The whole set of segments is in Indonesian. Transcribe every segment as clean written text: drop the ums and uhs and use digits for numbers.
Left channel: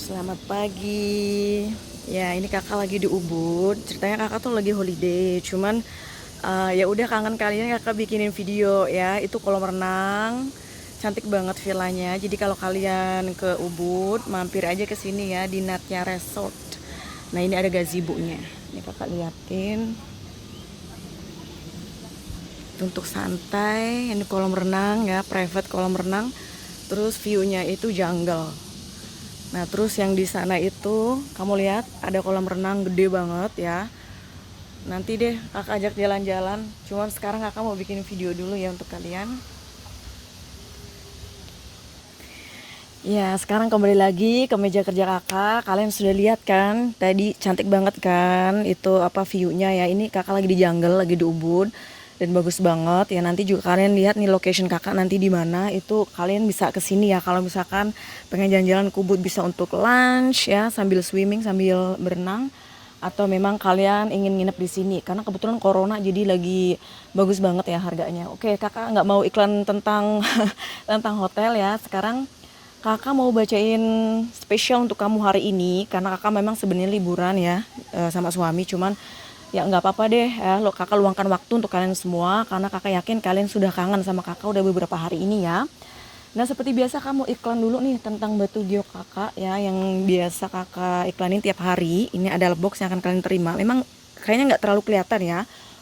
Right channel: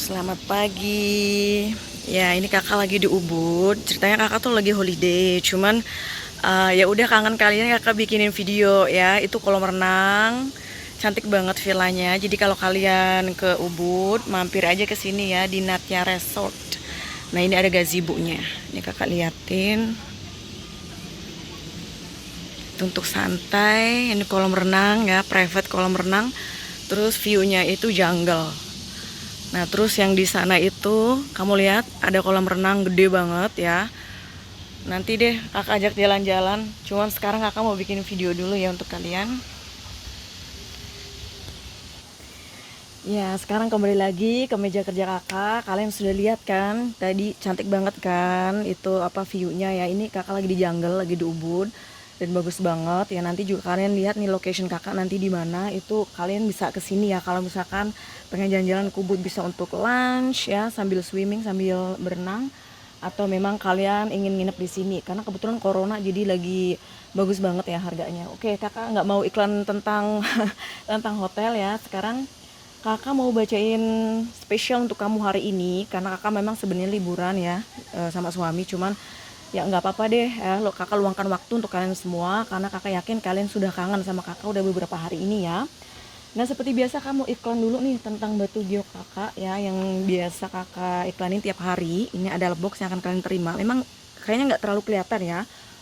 Selamat pagi. Ya, ini kakak lagi di Ubud. Ceritanya kakak tuh lagi holiday. Cuman ya udah kangen kalian kakak bikinin video ya. Itu kolam renang. Cantik banget villanya. Jadi kalau kalian ke Ubud, mampir aja ke sini ya di Natya Resort. Nah, ini ada gazebo-nya. Ini kakak liatin. Untuk santai, ini kolam renang ya, private kolam renang. Terus view-nya itu jungle. Nah, terus yang di sana itu kamu lihat ada kolam renang gede banget ya. Nanti deh kakak ajak jalan-jalan. Cuman sekarang kakak mau bikin video dulu ya untuk kalian. Ya, sekarang kembali lagi ke meja kerja kakak. Kalian sudah lihat kan? Tadi cantik banget kan? Itu apa view-nya ya. Ini kakak lagi di jungle, lagi di Ubud. Dan bagus banget ya. Nanti juga kalian lihat nih location kakak nanti di mana. Itu kalian bisa ke sini ya. Kalau misalkan pengen jalan-jalan ke Ubud, bisa untuk lunch ya, sambil swimming, sambil berenang. Atau memang kalian ingin nginep di sini karena kebetulan corona jadi lagi bagus banget ya harganya. Oke, kakak nggak mau iklan tentang tentang hotel ya. Sekarang kakak mau bacain spesial untuk kamu hari ini karena kakak memang sebenarnya liburan ya sama suami. Cuman ya nggak apa-apa deh ya, lo kakak luangkan waktu untuk kalian semua karena kakak yakin kalian sudah kangen sama kakak udah beberapa hari ini ya. Nah, seperti biasa kamu iklan dulu nih tentang batu giok kakak ya, yang biasa kakak iklanin tiap hari. Ini adalah box yang akan kalian terima. Memang kayaknya nggak terlalu kelihatan ya.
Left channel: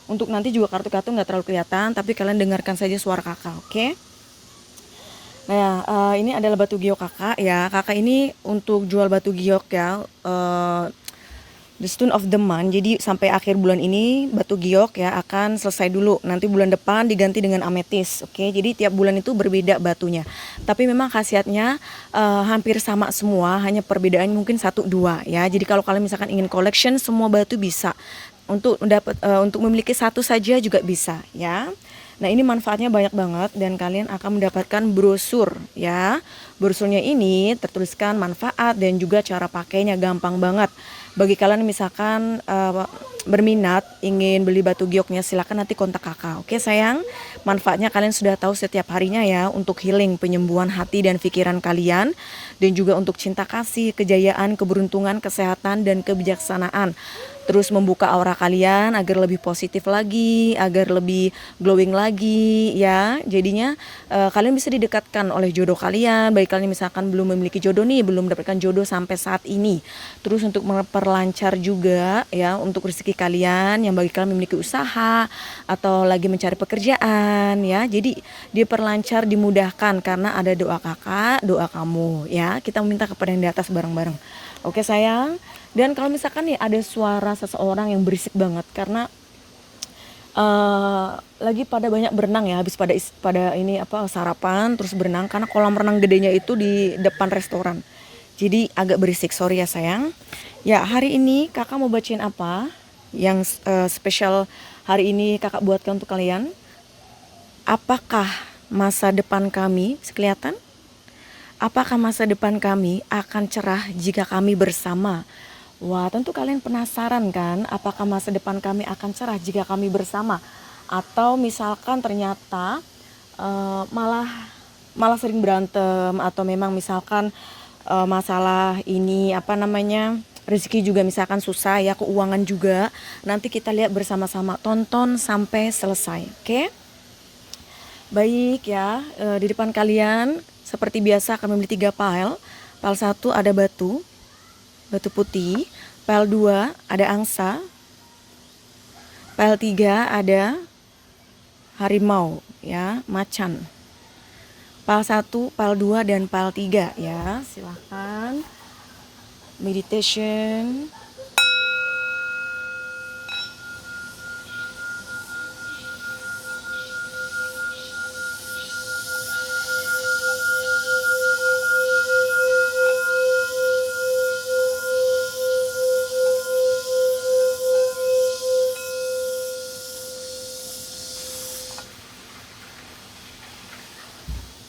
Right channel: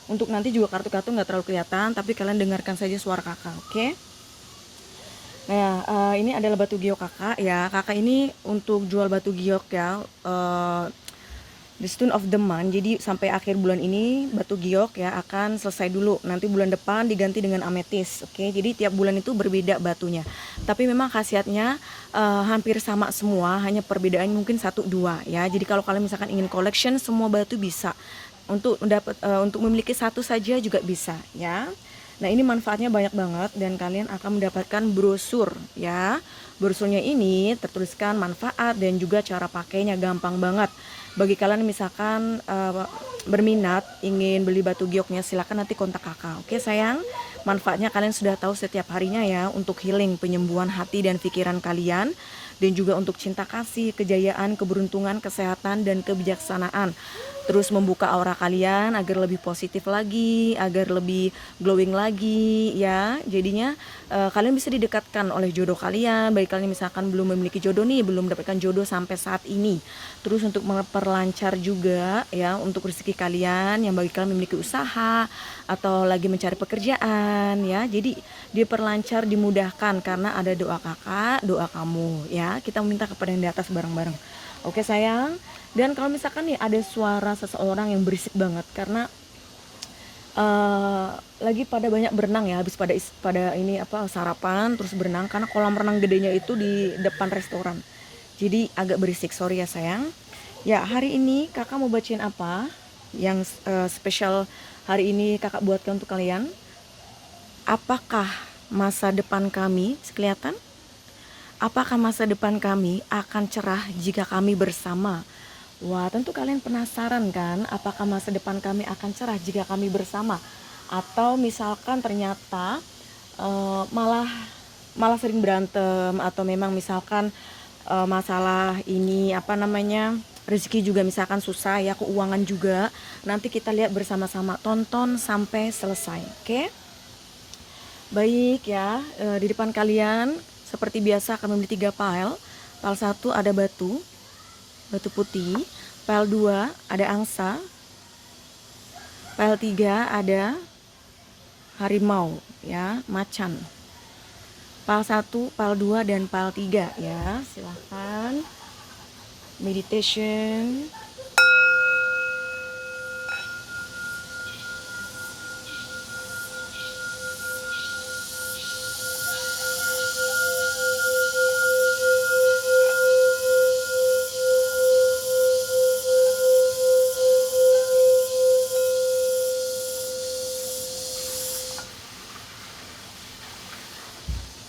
Untuk nanti juga kartu-kartu nggak terlalu kelihatan, tapi kalian dengarkan saja suara kakak, oke? Nah, ini adalah batu giok kakak ya. Kakak ini untuk jual batu giok ya. The Stone of the Month. Jadi sampai akhir bulan ini batu giok ya akan selesai dulu. Nanti bulan depan diganti dengan ametis. Oke, jadi tiap bulan itu berbeda batunya. Tapi memang khasiatnya hampir sama semua, hanya perbedaan mungkin satu dua ya. Jadi kalau kalian misalkan ingin collection semua batu bisa. Untuk memiliki satu saja juga bisa ya. Nah, ini manfaatnya banyak banget dan kalian akan mendapatkan brosur ya. Brosurnya ini tertuliskan manfaat dan juga cara pakainya, gampang banget. Bagi kalian misalkan berminat ingin beli batu gioknya, silakan nanti kontak kakak. Oke sayang, manfaatnya kalian sudah tahu setiap harinya ya, untuk healing, penyembuhan hati dan pikiran kalian, dan juga untuk cinta kasih, kejayaan, keberuntungan, kesehatan dan kebijaksanaan. Terus membuka aura kalian agar lebih positif lagi, agar lebih glowing lagi ya. Jadinya kalian bisa didekatkan oleh jodoh kalian. Baik kalian misalkan belum memiliki jodoh nih, belum mendapatkan jodoh sampai saat ini. Terus untuk memperlancar juga ya untuk rezeki kalian yang bagi kalian memiliki usaha atau lagi mencari pekerjaan ya. Jadi diperlancar, dimudahkan karena ada doa kakak, doa kamu ya. Kita meminta kepada yang di atas bareng-bareng. Oke sayang. Dan kalau misalkan nih ada suara seseorang yang berisik banget karena lagi pada banyak berenang ya, habis pada ini apa sarapan terus berenang karena kolam renang gedenya itu di depan restoran. Jadi agak berisik, sorry ya sayang. Ya, hari ini kakak mau bacain apa? Yang spesial hari ini kakak buatkan untuk kalian. Apakah masa depan kami kelihatan? Apakah masa depan kami akan cerah jika kami bersama? Wah, tentu kalian penasaran kan, apakah masa depan kami akan cerah jika kami bersama? Atau misalkan ternyata malah sering berantem, atau memang misalkan masalah ini apa namanya, rezeki juga misalkan susah ya, keuangan juga. Nanti kita lihat bersama-sama, tonton sampai selesai, oke? Baik ya, di depan kalian seperti biasa akan memiliki 3 pile. Pile 1 ada batu putih. Pile 2 ada angsa. Pile 3 ada harimau ya, macan. Pile 1, pile 2 dan pile 3 ya. Silahkan meditation.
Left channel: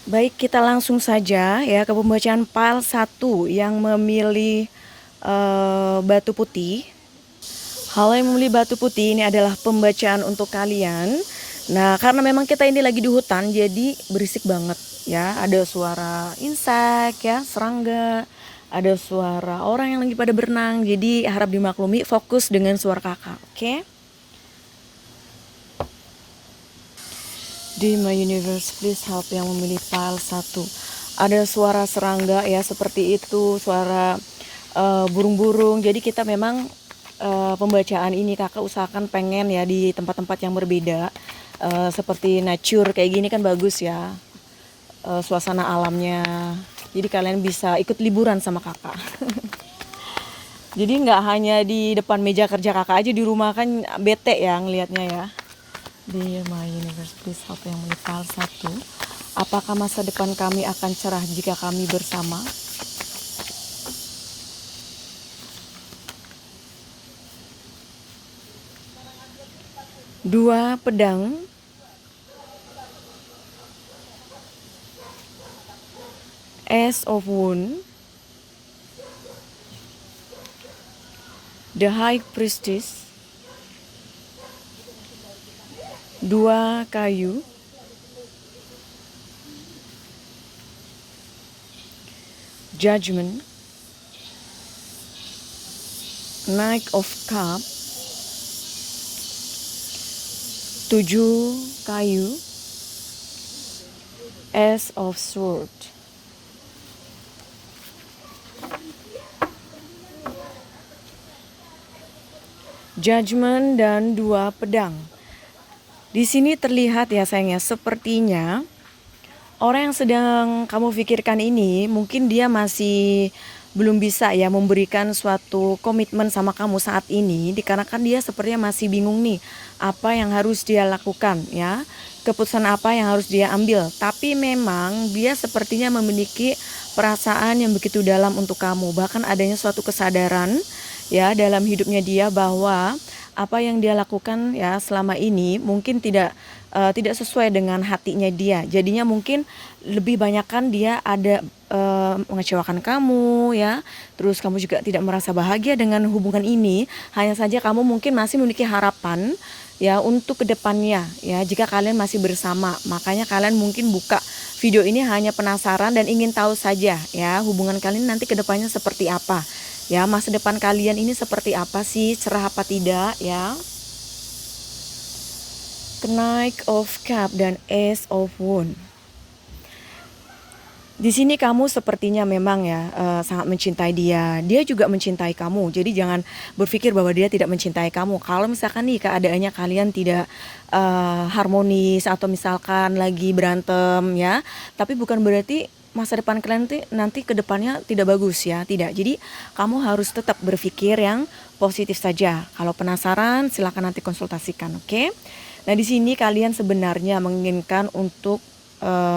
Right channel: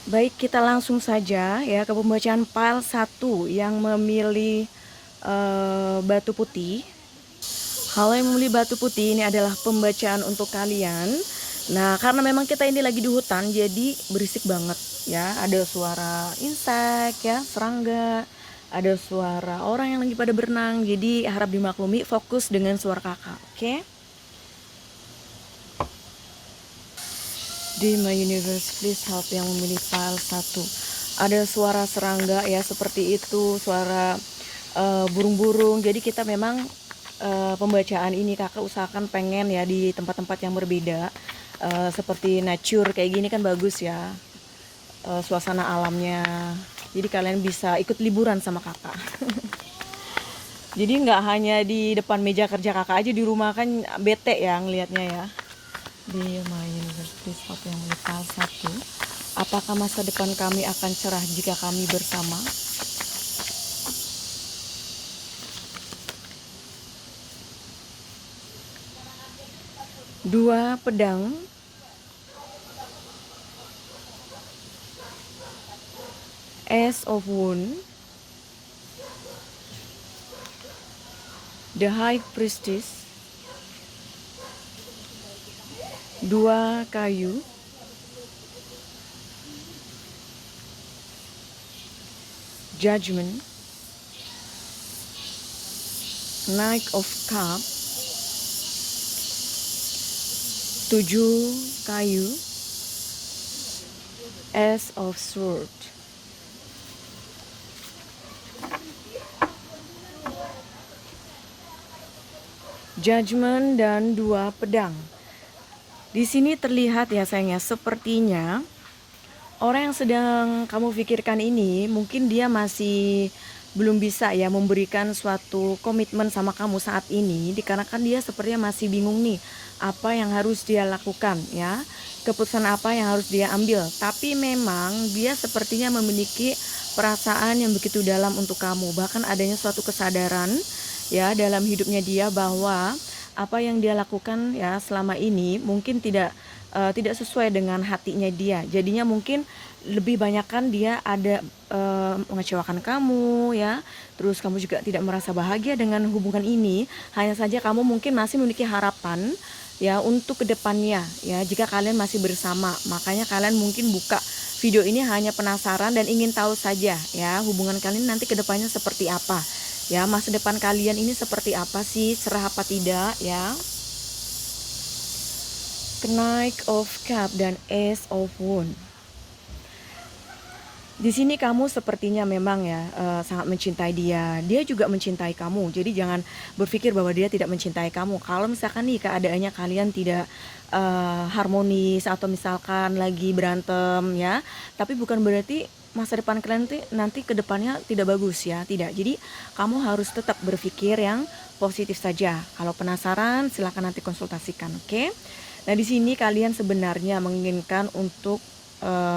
Baik, kita langsung saja ya ke pembacaan pile 1 yang memilih batu putih. Halo yang memilih batu putih, ini adalah pembacaan untuk kalian. Nah, karena memang kita ini lagi di hutan, jadi berisik banget ya. Ada suara insek ya, serangga, ada suara orang yang lagi pada berenang. Jadi harap dimaklumi, fokus dengan suara kakak, oke? Di My Universe, please help yang memilih file 1. Ada suara serangga ya, seperti itu, suara burung-burung. Jadi kita memang pembacaan ini kakak usahakan pengen ya di tempat-tempat yang berbeda, seperti nature kayak gini kan bagus ya, suasana alamnya. Jadi kalian bisa ikut liburan sama kakak. Jadi nggak hanya di depan meja kerja kakak aja, di rumah kan bete ya ngelihatnya ya. Di My Universe, please help yang vital 1. Apakah masa depan kami akan cerah jika kami bersama? Dua pedang, Ace of Wands, The High Priestess, dua kayu, Judgment, Knight of Cups, 7 kayu, Ace of Swords. Judgment dan 2 pedang. Di sini terlihat ya sayangnya, sepertinya orang yang sedang kamu pikirkan ini mungkin dia masih belum bisa ya memberikan suatu komitmen sama kamu saat ini, dikarenakan dia sepertinya masih bingung nih apa yang harus dia lakukan ya, keputusan apa yang harus dia ambil. Tapi memang dia sepertinya memiliki perasaan yang begitu dalam untuk kamu, bahkan adanya suatu kesadaran ya dalam hidupnya dia bahwa apa yang dia lakukan ya selama ini mungkin tidak sesuai dengan hatinya dia. Jadinya mungkin lebih banyakkan dia ada mengecewakan kamu ya. Terus kamu juga tidak merasa bahagia dengan hubungan ini. Hanya saja kamu mungkin masih memiliki harapan ya untuk kedepannya ya, jika kalian masih bersama. Makanya kalian mungkin buka video ini hanya penasaran dan ingin tahu saja ya hubungan kalian nanti kedepannya seperti apa. Ya, masa depan kalian ini seperti apa sih, cerah apa tidak ya. Knight of Cups dan Ace of Wands. Di sini kamu sepertinya memang ya sangat mencintai dia. Dia juga mencintai kamu. Jadi jangan berpikir bahwa dia tidak mencintai kamu. Kalau misalkan nih keadaannya kalian tidak harmonis atau misalkan lagi berantem ya, tapi bukan berarti masa depan kalian nanti ke depannya tidak bagus ya, tidak. Jadi kamu harus tetap berpikir yang positif saja. Kalau penasaran silakan nanti konsultasikan, oke? Nah, di sini kalian sebenarnya menginginkan untuk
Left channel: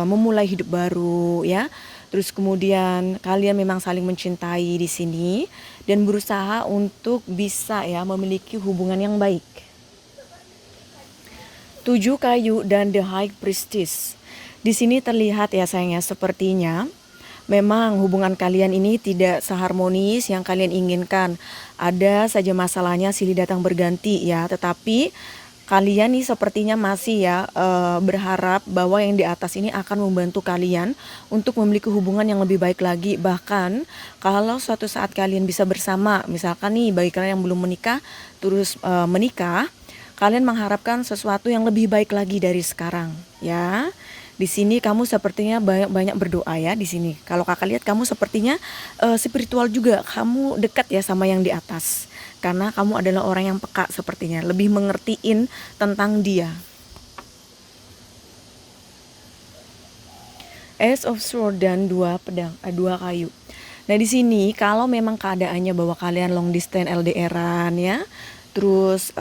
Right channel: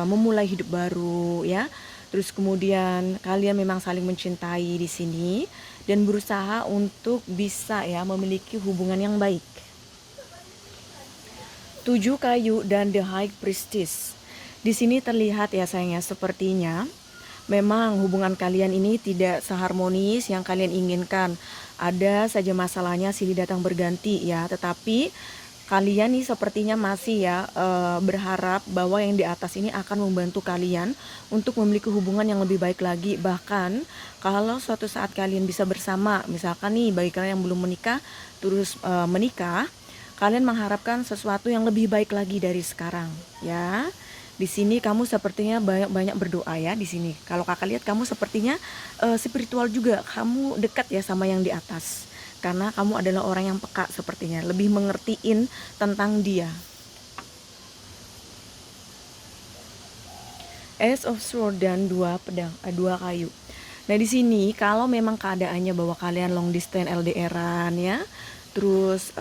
memulai hidup baru ya. Terus kemudian kalian memang saling mencintai di sini dan berusaha untuk bisa ya memiliki hubungan yang baik. 7 kayu dan The High Priestess. Di sini terlihat ya sayangnya, sepertinya memang hubungan kalian ini tidak seharmonis yang kalian inginkan. Ada saja masalahnya silih datang berganti ya, tetapi kalian nih sepertinya masih ya berharap bahwa yang di atas ini akan membantu kalian untuk memiliki hubungan yang lebih baik lagi. Bahkan kalau suatu saat kalian bisa bersama, misalkan nih bagi kalian yang belum menikah terus menikah, kalian mengharapkan sesuatu yang lebih baik lagi dari sekarang ya. Di sini kamu sepertinya banyak berdoa ya di sini. Kalau kakak lihat kamu sepertinya spiritual juga, kamu dekat ya sama yang di atas. Karena kamu adalah orang yang peka sepertinya, lebih mengertiin tentang dia. Ace of Swords dan 2 pedang, 2 kayu. Nah di sini kalau memang keadaannya bahwa kalian long distance LDRan ya, terus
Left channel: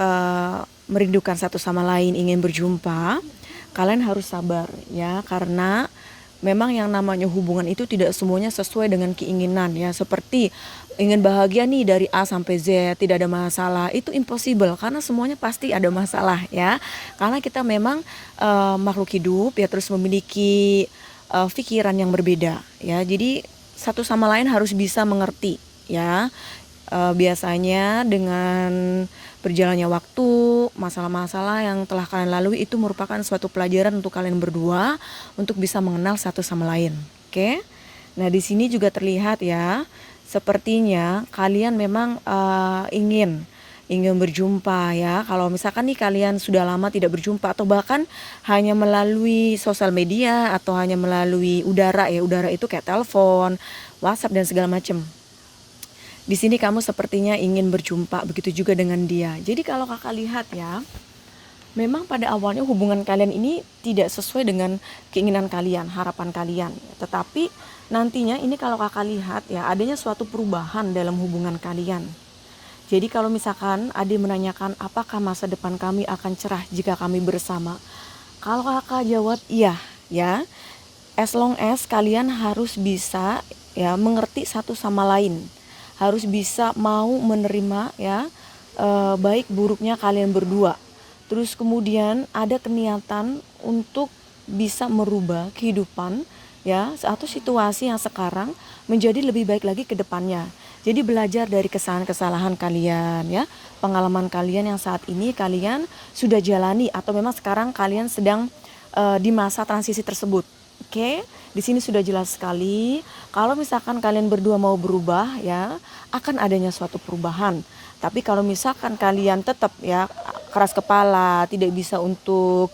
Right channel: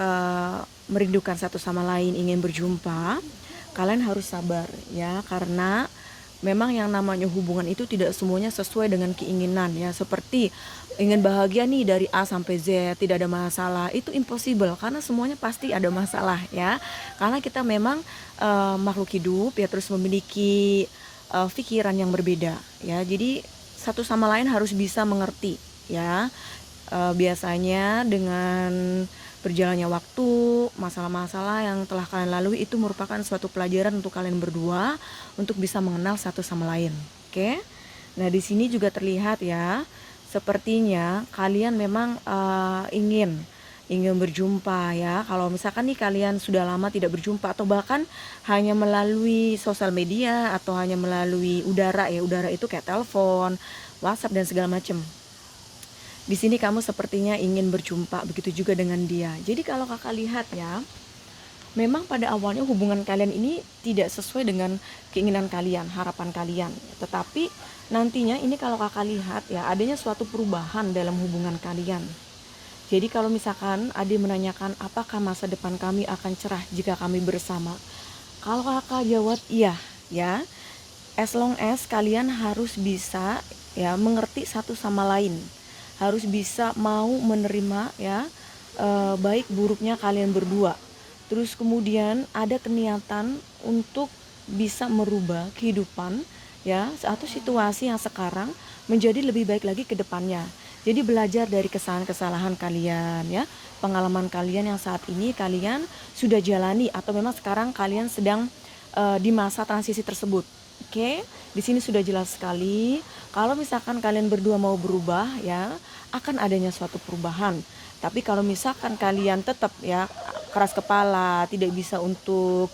merindukan satu sama lain, ingin berjumpa, kalian harus sabar ya, karena memang yang namanya hubungan itu tidak semuanya sesuai dengan keinginan ya. Seperti ingin bahagia nih dari A sampai Z, tidak ada masalah, itu impossible karena semuanya pasti ada masalah ya. Karena kita memang makhluk hidup ya, terus memiliki pikiran yang berbeda ya. Jadi satu sama lain harus bisa mengerti ya. Biasanya dengan berjalannya waktu, masalah-masalah yang telah kalian lalui itu merupakan suatu pelajaran untuk kalian berdua untuk bisa mengenal satu sama lain. Oke. Nah, di sini juga terlihat ya, sepertinya kalian memang ingin berjumpa ya. Kalau misalkan nih kalian sudah lama tidak berjumpa atau bahkan hanya melalui sosial media atau hanya melalui udara ya. Udara itu kayak telepon, WhatsApp dan segala macam. Di sini kamu sepertinya ingin berjumpa, begitu juga dengan dia. Jadi kalau kakak lihat ya, memang pada awalnya hubungan kalian ini tidak sesuai dengan keinginan kalian, harapan kalian. Tetapi nantinya ini kalau kakak lihat ya, adanya suatu perubahan dalam hubungan kalian. Jadi kalau misalkan Ade menanyakan apakah masa depan kami akan cerah jika kami bersama, kalau kakak jawab iya ya, as long as kalian harus bisa ya mengerti satu sama lain, harus bisa mau menerima ya baik buruknya kalian berdua. Terus kemudian ada niatan untuk bisa merubah kehidupan ya atau situasi yang sekarang menjadi lebih baik lagi ke depannya. Jadi belajar dari kesalahan-kesalahan kalian ya, pengalaman kalian yang saat ini kalian sudah jalani atau memang sekarang kalian sedang di masa transisi tersebut. Oke, di sini sudah jelas sekali. Kalau misalkan kalian berdua mau berubah ya, akan adanya suatu perubahan. Tapi kalau misalkan kalian tetap ya keras kepala, tidak bisa untuk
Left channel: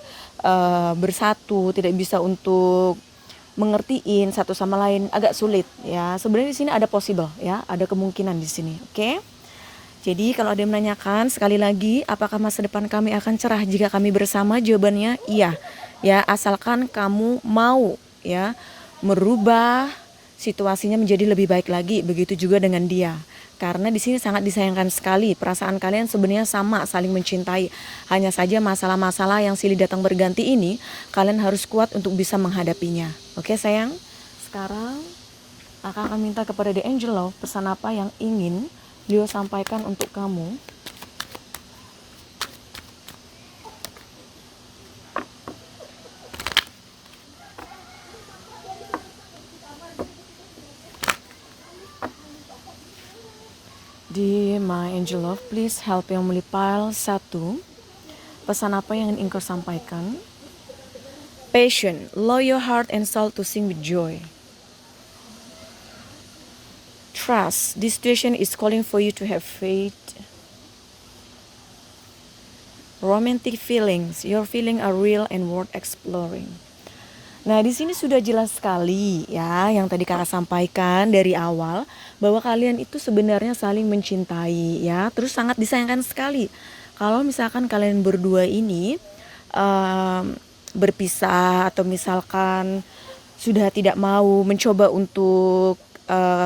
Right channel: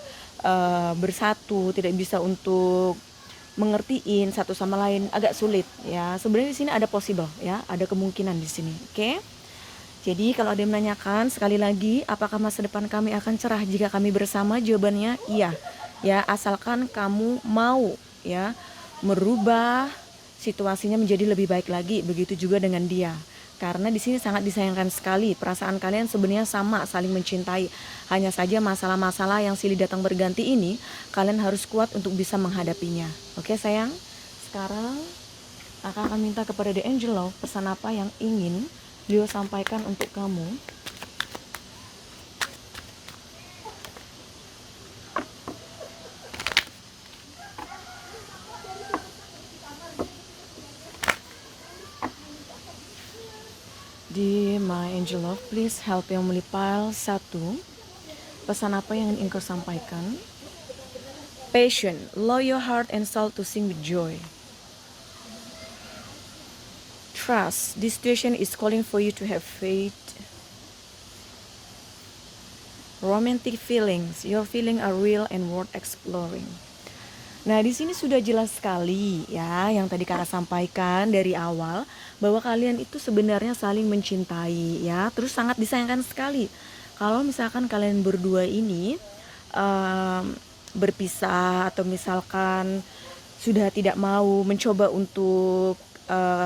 bersatu, tidak bisa untuk mengertiin satu sama lain, agak sulit ya. Sebenarnya di sini ada possible ya, ada kemungkinan di sini. Oke. Jadi kalau ada yang menanyakan sekali lagi, apakah masa depan kami akan cerah jika kami bersama? Jawabannya iya. Ya, asalkan kamu mau ya merubah situasinya menjadi lebih baik lagi. Begitu juga dengan dia. Karena di sini sangat disayangkan sekali, perasaan kalian sebenarnya sama, saling mencintai. Hanya saja masalah-masalah yang silih datang berganti ini, kalian harus kuat untuk bisa menghadapinya. Oke sayang, sekarang akan minta kepada The Angel Love, pesan apa yang ingin beliau sampaikan untuk kamu. Di My Angel Love, please help yang melipal 1. Pesan apa yang ingin engkau sampaikan? Passion, allow your heart and soul to sing with joy. Trust, this situation is calling for you to have faith. Romantic feelings, your feelings are real and worth exploring. Nah, di sini sudah jelas sekali ya yang tadi Kakak sampaikan dari awal bahwa kalian itu sebenarnya saling mencintai ya, terus sangat disayangkan sekali kalau misalkan kalian berdua ini berpisah atau misalkan sudah tidak mau mencoba untuk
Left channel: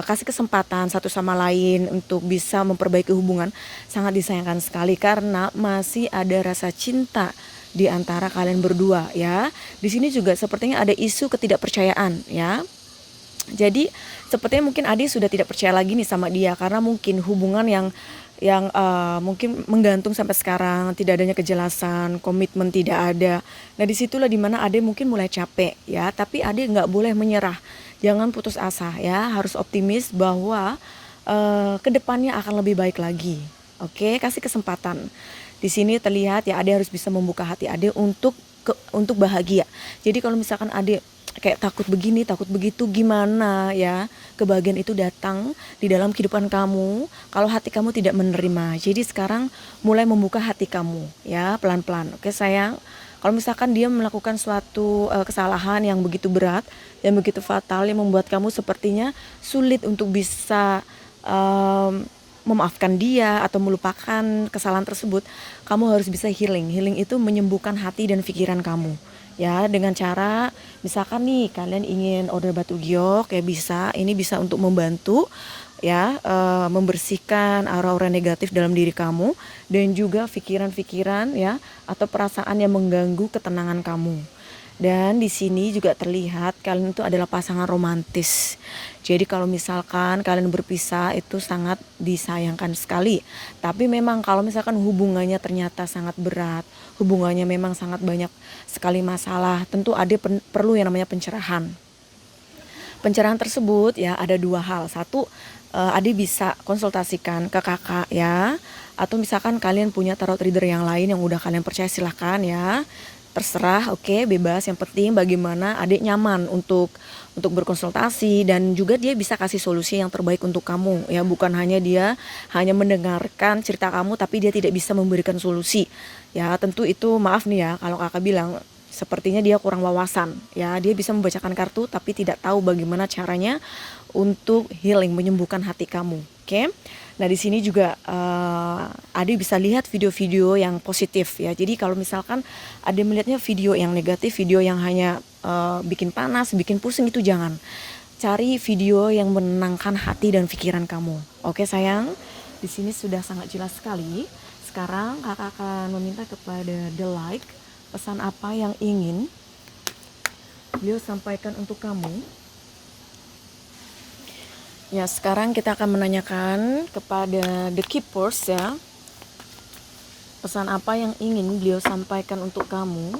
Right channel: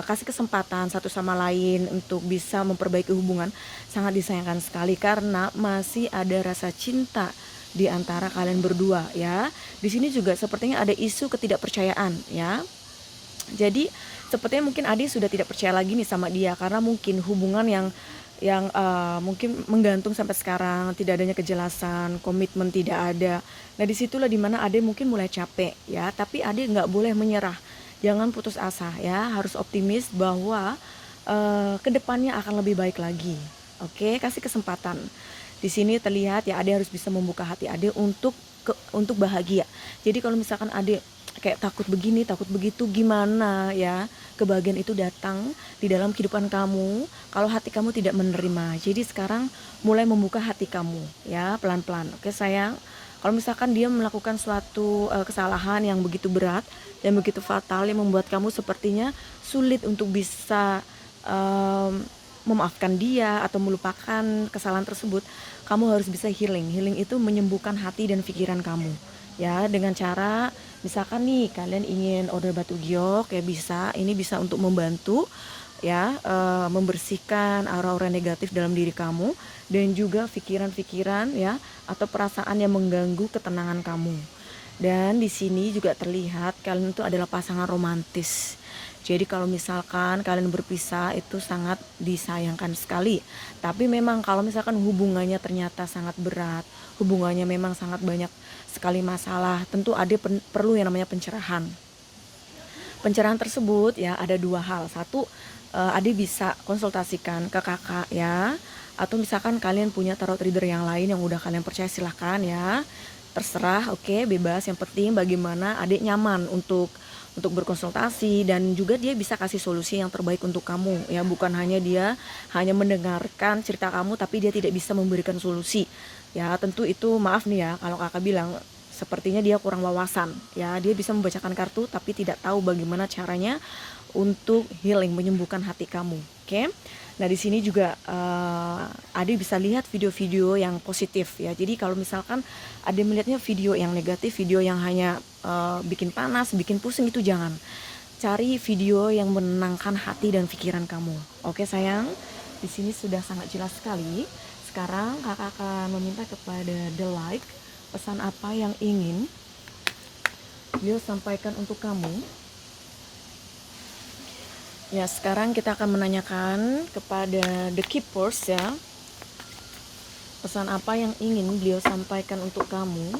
kasih kesempatan satu sama lain untuk bisa memperbaiki hubungan. Sangat disayangkan sekali karena masih ada rasa cinta di antara kalian berdua ya. Di sini juga sepertinya ada isu ketidakpercayaan ya. Jadi sepertinya mungkin Adi sudah tidak percaya lagi nih sama dia karena mungkin hubungan yang mungkin menggantung sampai sekarang, tidak adanya kejelasan, komitmen tidak ada. Nah disitulah dimana Ade mungkin mulai capek ya, tapi Ade nggak boleh menyerah, jangan putus asa ya, harus optimis bahwa kedepannya akan lebih baik lagi. Oke, kasih kesempatan. Di sini terlihat ya Ade harus bisa membuka hati Ade untuk bahagia. Jadi kalau misalkan Ade kayak takut begini, takut begitu, gimana ya? Kebahagiaan itu datang di dalam kehidupan kamu kalau hati kamu tidak menerima. Jadi sekarang mulai membuka hati kamu ya, pelan-pelan. Oke sayang, kalau misalkan dia melakukan suatu kesalahan yang begitu berat, yang begitu fatal, yang membuat kamu sepertinya sulit untuk bisa memaafkan dia atau melupakan kesalahan tersebut, kamu harus bisa healing. Healing itu menyembuhkan hati dan pikiran kamu ya, dengan cara misalkan nih kalian ingin order batu giok ya, bisa, ini bisa untuk membantu ya membersihkan aura-aura negatif dalam diri kamu dan juga pikiran-pikiran ya atau perasaan yang mengganggu ketenangan kamu. Dan di sini juga terlihat kalian itu adalah pasangan romantis. Jadi kalau misalkan kalian berpisah itu sangat disayangkan sekali. Tapi memang kalau misalkan hubungannya ternyata sangat berat, hubungannya memang sangat banyak sekali masalah, tentu Ade perlu yang namanya pencerahan. Pencerahan tersebut ya ada dua hal. Satu, Ade bisa konsultasikan ke kakak ya, atau misalkan kalian punya tarot reader yang lain yang udah kalian percaya, silahkan ya, terserah, oke, bebas. Yang penting bagaimana Ade nyaman untuk untuk berkonsultasi, dan juga dia bisa kasih solusi yang terbaik untuk kamu ya, bukan hanya dia hanya mendengarkan cerita kamu tapi dia tidak bisa memberikan solusi ya. Tentu itu maaf nih ya kalau kakak bilang sepertinya dia kurang wawasan ya. Dia bisa membacakan kartu tapi tidak tahu bagaimana caranya untuk healing, menyembuhkan hati kamu. Oke. Nah, di sini juga Ade bisa lihat video-video yang positif ya. Jadi kalau misalkan Ade melihatnya video yang negatif, video yang hanya bikin panas, bikin pusing, itu jangan. Cari video yang menenangkan hati dan pikiran kamu. Oke sayang, di sini sudah sangat jelas sekali. Sekarang kakak akan meminta kepada The Light, pesan apa yang ingin beliau sampaikan untuk kamu. Ya, sekarang kita akan menanyakan kepada The Keepers ya. Pesan apa yang ingin beliau sampaikan untuk kamu.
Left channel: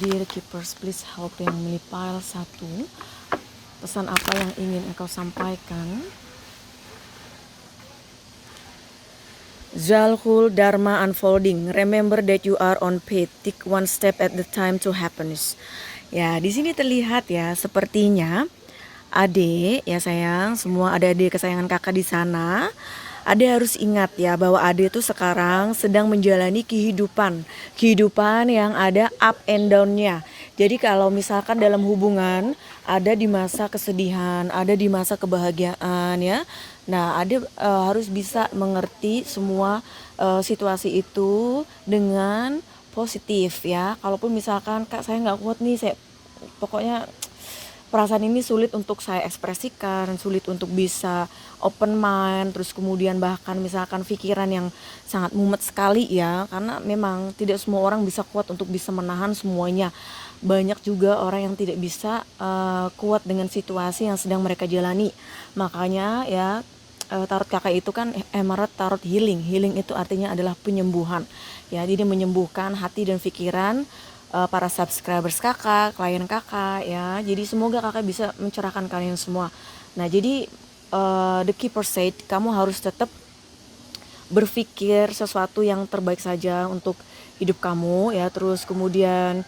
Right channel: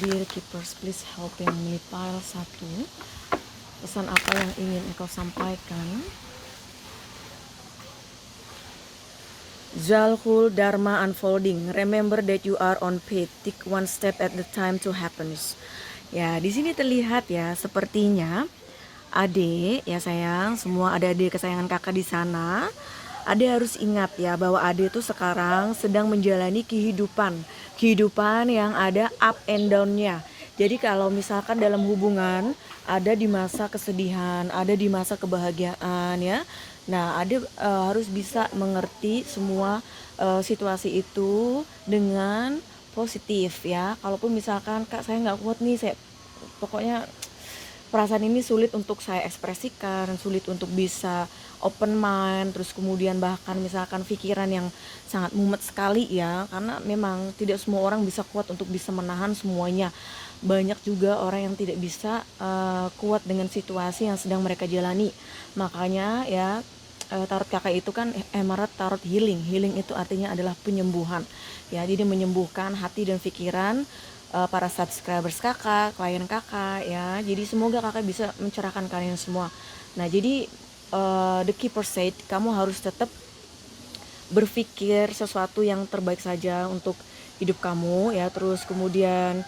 Dear Keepers, please help yang memilih pile 1. Pesan apa yang ingin engkau sampaikan. Zalhul Dharma Unfolding. Remember that you are on path. Take one step at the time to happiness. Ya, di sini terlihat ya, sepertinya Ade ya sayang, semua adik-adik kesayangan kakak di sana, Ade harus ingat ya bahwa Ade itu sekarang sedang menjalani kehidupan yang ada up and down-nya. Jadi kalau misalkan dalam hubungan ada di masa kesedihan, ada di masa kebahagiaan ya. Nah, Ade harus bisa mengerti semua situasi itu dengan positif ya. Kalaupun misalkan kak saya nggak kuat nih, saya pokoknya perasaan ini sulit untuk saya ekspresikan, sulit untuk bisa open mind, terus kemudian bahkan misalkan pikiran yang sangat mumet sekali ya, karena memang tidak semua orang bisa kuat untuk bisa menahan semuanya. Banyak juga orang yang tidak bisa kuat dengan situasi yang sedang mereka jalani. Makanya ya, tarot kakak itu kan emerald tarot healing. Healing itu artinya adalah penyembuhan ya, jadi menyembuhkan hati dan pikiran para subscribers kakak, klien kakak ya. Jadi semoga kakak bisa mencerahkan kalian semua. Nah, jadi The Keeper said, kamu harus tetap berpikir sesuatu yang terbaik saja untuk hidup kamu ya. Terus kemudian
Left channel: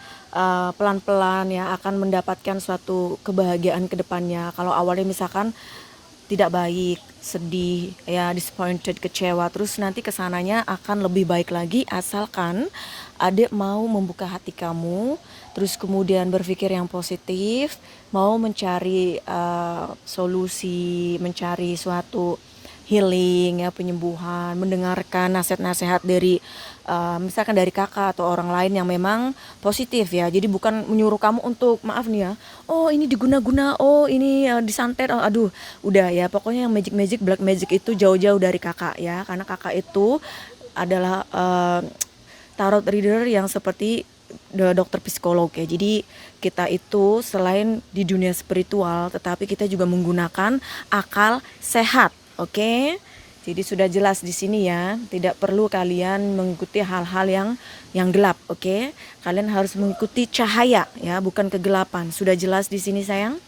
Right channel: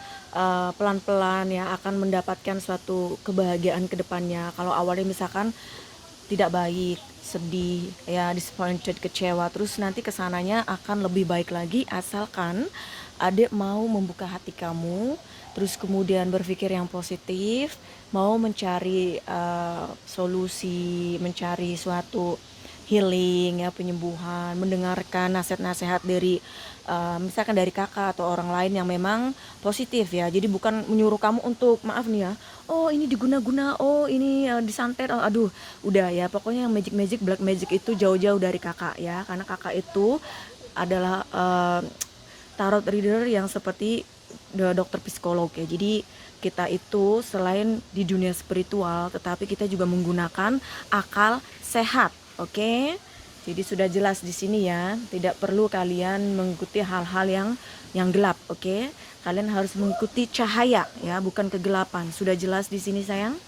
pelan-pelan ya akan mendapatkan suatu kebahagiaan ke depannya. Kalau awalnya misalkan tidak baik, sedih ya, disappointed, kecewa, terus nanti kesananya akan lebih baik lagi asalkan adik mau membuka hati kamu, terus kemudian berpikir yang positif, mau mencari solusi, mencari suatu healing ya, penyembuhan, mendengarkan nasihat-nasihat dari misalkan dari kakak atau orang lain yang memang positif ya. Jadi bukan menyuruh kamu untuk maaf nih ya, oh ini diguna-guna, oh ini disantet, oh aduh udah ya, pokoknya yang magic black magic itu jauh-jauh dari kakak ya, karena kakak itu adalah tarot reader yang seperti dokter psikolog ya. Jadi kita itu selain di dunia spiritual, tetapi kita juga menggunakan akal sehat, oke? Jadi sudah jelas di sini ya, tidak perlu kalian mengikuti hal-hal yang gelap, oke? Kalian harus mengikuti cahaya ya, bukan kegelapan. Sudah jelas di sini sayang?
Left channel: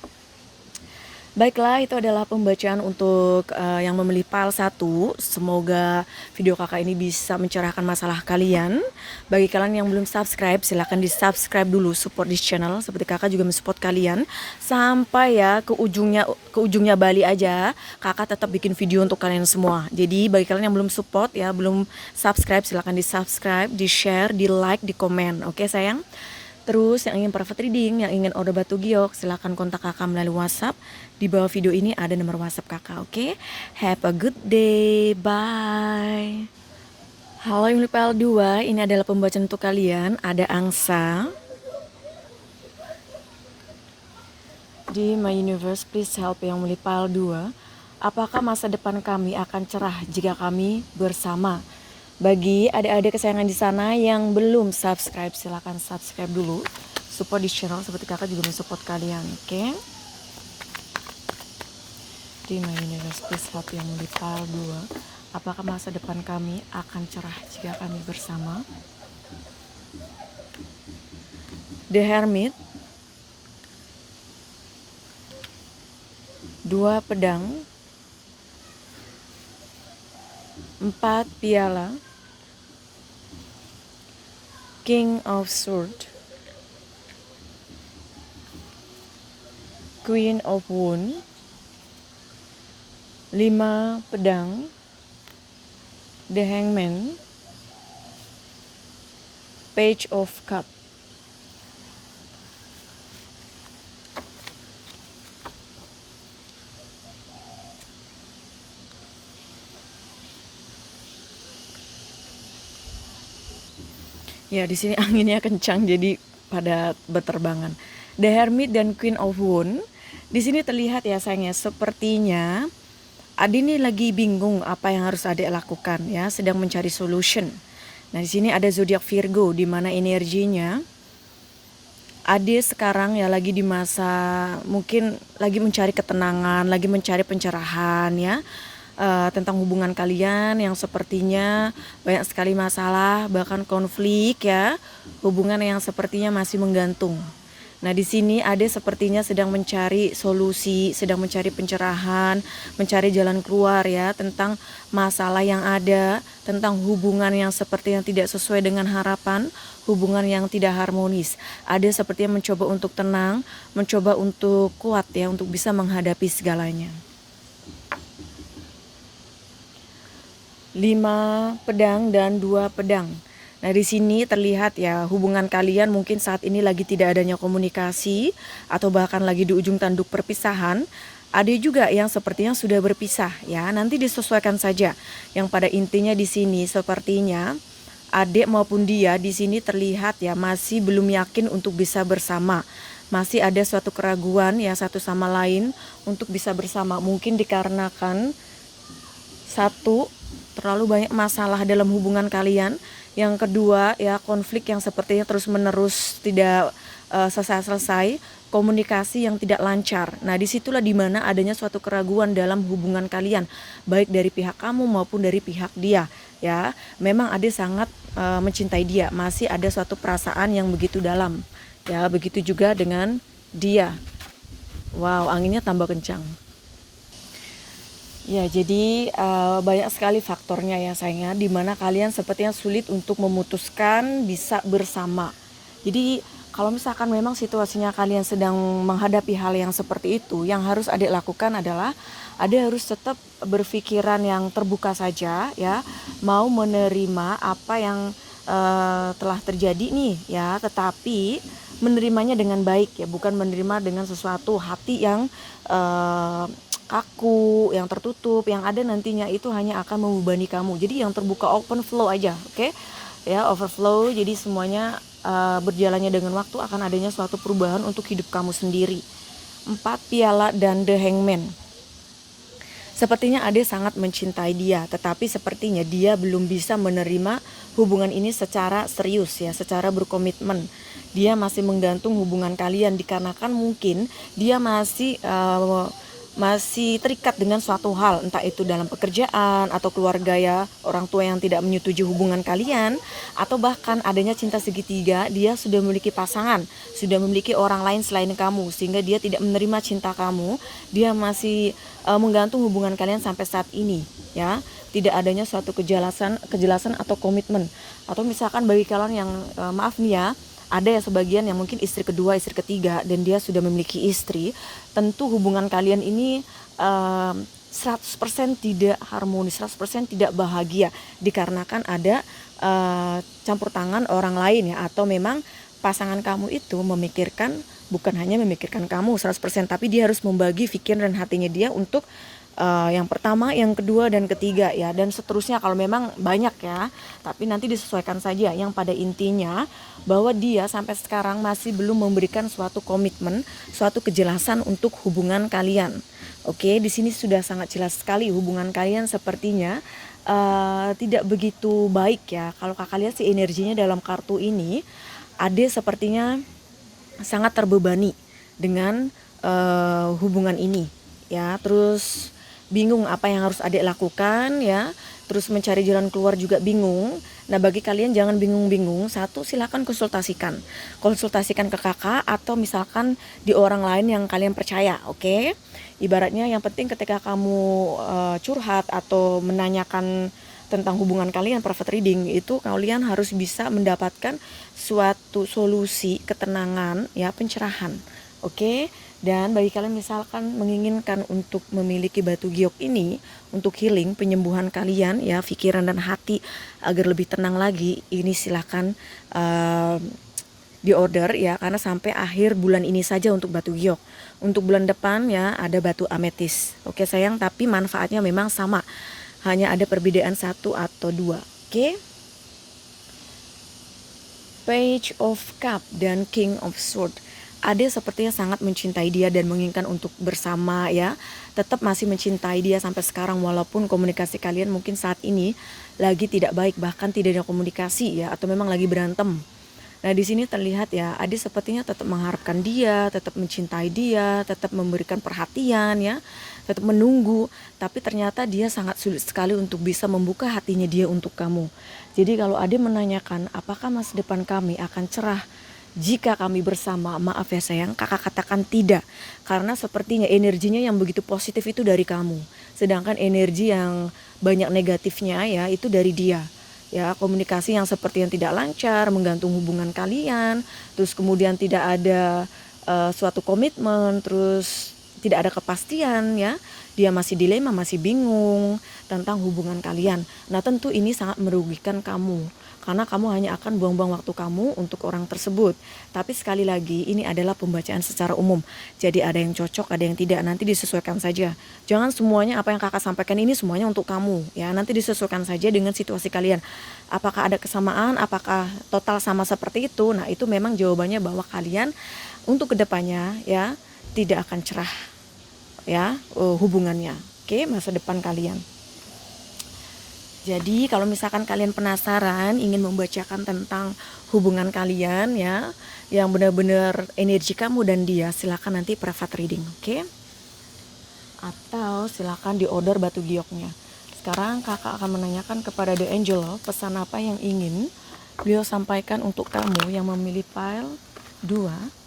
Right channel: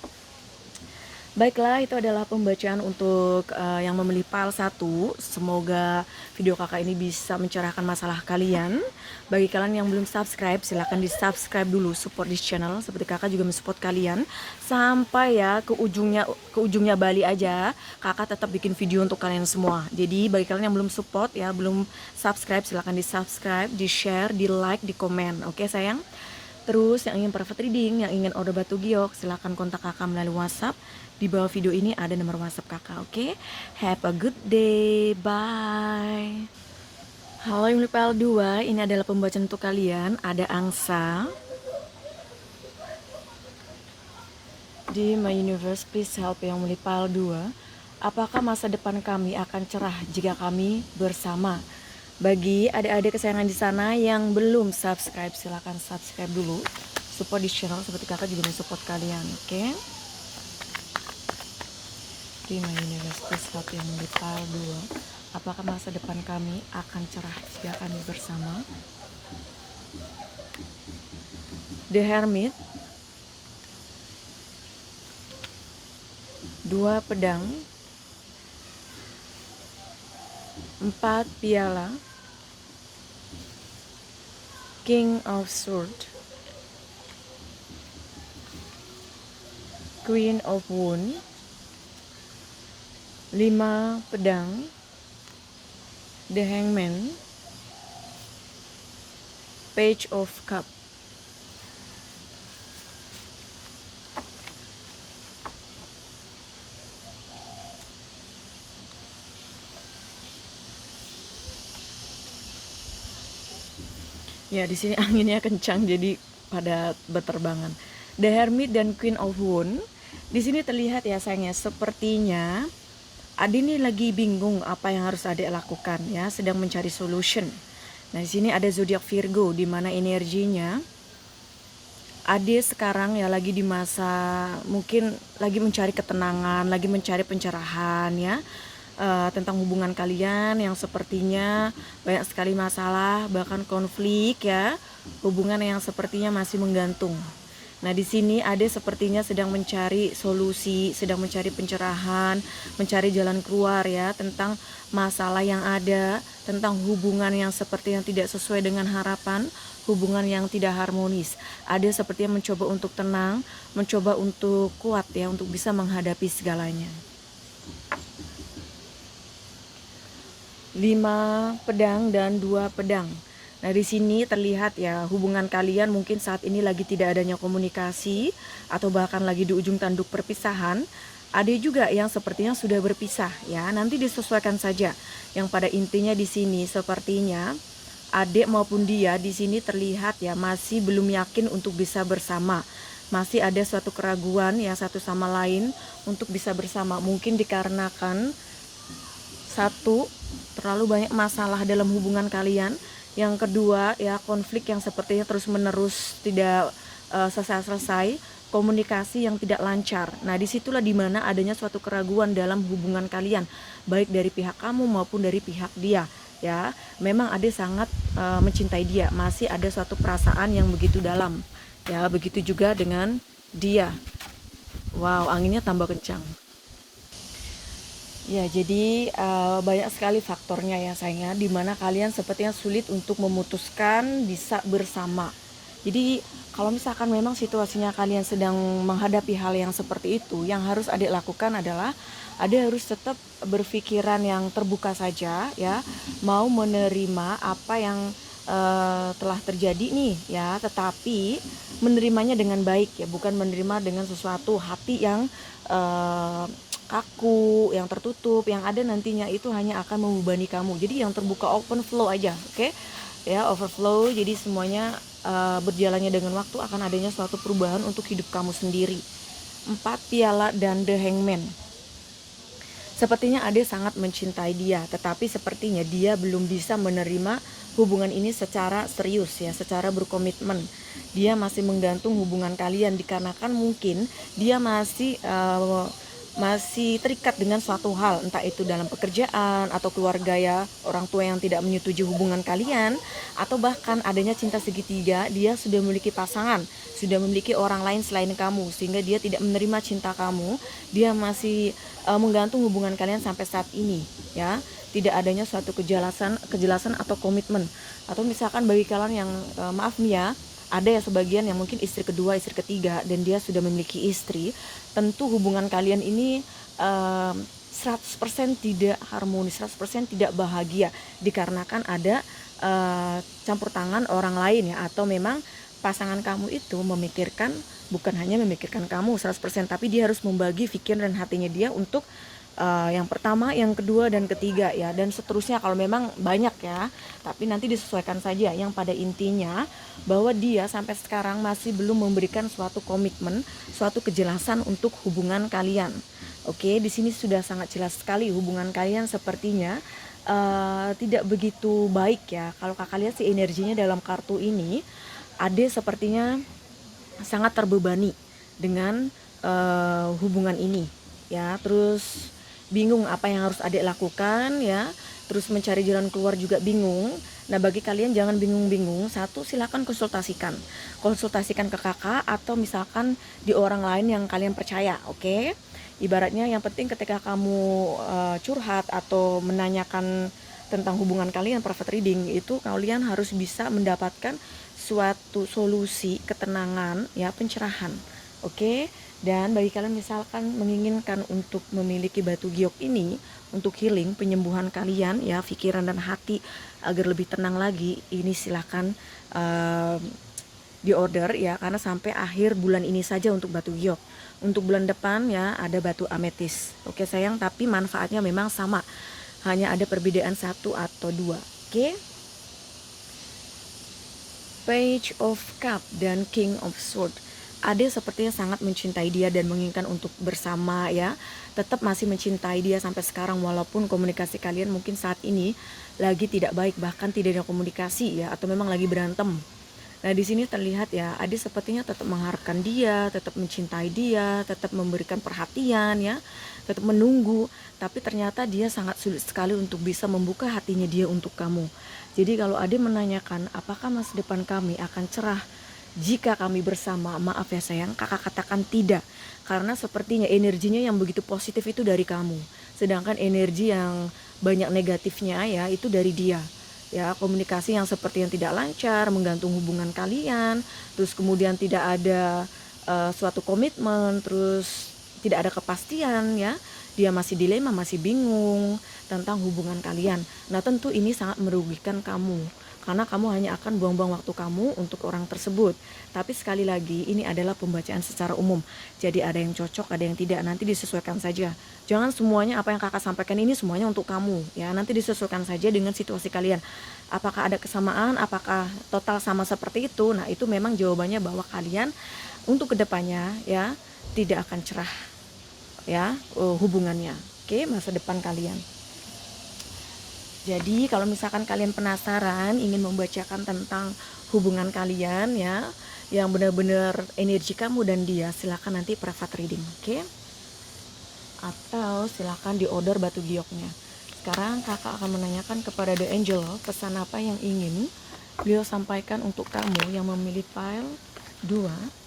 Baiklah, itu adalah pembacaan untuk yang memilih pile 1. Semoga video kakak ini bisa mencerahkan masalah kalian. Bagi kalian yang belum subscribe, silahkan di subscribe dulu, support di channel seperti kakak juga mensupport kalian. Sampai ya ke ujungnya Bali aja, kakak tetap bikin video untuk kalian semua. Jadi bagi kalian yang belum support ya, belum subscribe, silahkan di subscribe, di share, di like, di komen. Oke sayang? Terus yang ingin private reading, yang ingin order batu giok, silahkan kontak kakak melalui WhatsApp. Di bawah video ini ada nomor WhatsApp kakak, oke? Have a good day, bye. Halo yang PL 2, ini adalah pembacaan untuk kalian. Ada angsa. Di My Universe, please help yang PL 2. Apakah masa depan kami akan cerah jika kami bersama? Bagi adik-adik kesayangan di sana yang belum subscribe, silahkan subscribe dulu. Support di channel seperti kakak juga mensupport kalian, oke? Di My Universe, please help yang di pile 2. Apakah masa depan kami akan cerah jika kami bersama? The Hermit. 2 pedang. 4 piala. King of Swords. Queen of Wands, 5 pedang, The Hangman, Page of Cup. Ya, di sini anginnya kencang jadi pada berterbangan. The Hermit dan Queen of Wands. Di sini terlihat ya sayangnya sepertinya Adi ini lagi bingung apa yang harus Adik lakukan ya, sedang mencari solution. Nah, di sini ada zodiak Virgo di mana energinya Ade sekarang ya lagi di masa mungkin lagi mencari ketenangan, lagi mencari pencerahan ya. Tentang hubungan kalian yang sepertinya banyak sekali masalah, bahkan konflik ya, hubungan yang sepertinya masih menggantung. Nah, di sini Ade sepertinya sedang mencari solusi, sedang mencari pencerahan, mencari jalan keluar ya tentang masalah yang ada, tentang hubungan yang sepertinya tidak sesuai dengan harapan, hubungan yang tidak harmonis. Ade sepertinya mencoba untuk tenang, mencoba untuk kuat ya, untuk bisa menghadapi segalanya. 5 pedang dan 2 pedang. Nah, di sini terlihat ya hubungan kalian mungkin saat ini lagi tidak adanya komunikasi atau bahkan lagi di ujung tanduk perpisahan. Ada juga yang sepertinya sudah berpisah ya. Nanti disesuaikan saja. Yang pada intinya di sini sepertinya adik maupun dia di sini terlihat ya masih belum yakin untuk bisa bersama. Masih ada suatu keraguan ya satu sama lain untuk bisa bersama. Mungkin dikarenakan satu, terlalu banyak masalah dalam hubungan kalian. Yang kedua ya konflik yang sepertinya terus menerus tidak selesai-selesai, komunikasi yang tidak lancar. Nah, disitulah dimana adanya suatu keraguan dalam hubungan kalian, baik dari pihak kamu maupun dari pihak dia ya. Memang Ade sangat mencintai dia, masih ada suatu perasaan yang begitu dalam ya. Begitu juga dengan dia. Wow, anginnya tambah kencang. Ya, jadi banyak sekali faktornya ya sayangnya, dimana kalian sepertinya sulit untuk memutuskan bisa bersama. Jadi kalau misalkan memang situasinya kalian sedang menghadapi hal yang seperti itu, yang harus Adik lakukan adalah Adik harus tetap berpikiran yang terbuka saja ya, mau menerima apa yang telah terjadi nih ya, tetapi menerimanya dengan baik ya, bukan menerima dengan sesuatu hati yang kaku, yang tertutup, yang ada nantinya itu hanya akan membebani kamu. Jadi yang terbuka, open flow aja, oke? Ya, overflow. Jadi semuanya berjalannya dengan waktu akan adanya suatu perubahan untuk hidup kamu sendiri. 4 piala dan The Hangman. Sepertinya Ade sangat mencintai dia, tetapi sepertinya dia belum bisa menerima hubungan ini secara serius ya, secara berkomitmen. Dia masih menggantung hubungan kalian dikarenakan mungkin dia masih terikat dengan suatu hal, entah itu dalam pekerjaan atau keluarga ya, orang tua yang tidak menyetujui hubungan kalian, atau bahkan adanya cinta segitiga, dia sudah memiliki pasangan, sudah memiliki orang lain selain kamu, sehingga dia tidak menerima cinta kamu, dia masih menggantung hubungan kalian sampai saat ini ya, tidak adanya suatu kejelasan atau komitmen. Atau misalkan bagi kalian yang maaf nih ya, ada ya sebagian yang mungkin istri kedua, istri ketiga, dan dia sudah memiliki istri, tentu hubungan kalian ini 100% tidak harmonis, 100% tidak bahagia, dikarenakan ada campur tangan orang lain ya, atau memang pasangan kamu itu memikirkan, bukan hanya memikirkan kamu 100%, tapi dia harus membagi pikiran dan hatinya dia untuk yang pertama, yang kedua, dan ketiga ya, dan seterusnya kalau memang banyak ya, tapi nanti disesuaikan saja. Yang pada intinya bahwa dia sampai sekarang masih belum memberikan suatu komitmen, suatu kejelasan untuk hubungan kalian. Oke, di sini sudah sangat jelas sekali hubungan kalian sepertinya tidak begitu baik ya. Kalau kakak lihat sih energinya dalam kartu ini, Ade sepertinya sangat terbebani dengan hubungan ini ya, terus bingung apa yang harus Adik lakukan ya, terus mencari jalan keluar juga bingung. Nah, bagi kalian jangan bingung-bingung, satu, silakan konsultasikan ke kakak atau misalkan di orang lain yang kalian percaya, oke? Ibaratnya yang penting ketika kamu curhat atau menanyakan tentang hubungan kalian, private reading, itu kalian harus bisa mendapatkan suatu solusi ketenangan ya, pencerahan, oke? Dan bagi kalian misalkan menginginkan untuk memiliki batu giok ini untuk healing penyembuhan kalian ya, pikiran dan hati agar lebih tenang lagi, ini silahkan di order ya, karena sampai akhir bulan ini saja untuk batu giok. Untuk bulan depan ya ada batu ametis. Oke sayang, tapi manfaatnya memang sama. Hanya ada perbedaan 1 atau 2. Oke. Page of Cup dan King of Sword. Ade sepertinya sangat mencintai dia dan menginginkan untuk bersama ya. Tetap masih mencintai dia sampai sekarang walaupun komunikasi kalian mungkin saat ini lagi tidak baik, bahkan tidak ada komunikasi ya, atau memang lagi berantem. Nah di sini terlihat ya, Ade sepertinya tetap mengharapkan dia, tetap mencintai dia, tetap memberikan perhatian ya, tetap menunggu. Tapi ternyata dia sangat sulit sekali untuk bisa membuka hatinya dia untuk kamu. Jadi kalau Ade menanyakan apakah masa depan kami akan cerah jika kami bersama, maaf ya sayang, kakak katakan tidak. Karena sepertinya energinya yang begitu positif itu dari kamu, sedangkan energi yang banyak negatifnya ya itu dari dia. Ya, komunikasi yang seperti yang tidak lancar, menggantung hubungan kalian, terus kemudian tidak ada suatu komitmen, terus tidak ada kepastian ya. Dia masih dilema, masih bingung tentang hubungan kalian. Nah, tentu ini sangat merugikan kamu. Karena kamu hanya akan buang-buang waktu kamu untuk orang tersebut. Tapi sekali lagi ini adalah pembacaan secara umum. Jadi ada yang cocok, ada yang tidak. Nanti disesuaikan saja. Jangan semuanya apa yang kakak sampaikan ini semuanya untuk kamu. Ya, nanti disesuaikan saja dengan situasi kalian. Apakah ada kesamaan? Apakah total sama seperti itu? Nah itu memang jawabannya bahwa kalian untuk kedepannya ya tidak akan cerah ya hubungannya. Oke, masa depan kalian. Jadi kalau misalkan kalian penasaran ingin membacakan tentang hubungan kalian ya, yang benar-benar energi kamu dan dia, silakan nanti private reading, oke? Atau silakan di order batu gioknya. Sekarang kakak akan menanyakan kepada The Angel pesan apa yang ingin beliau sampaikan untuk kamu yang memilih pile 2.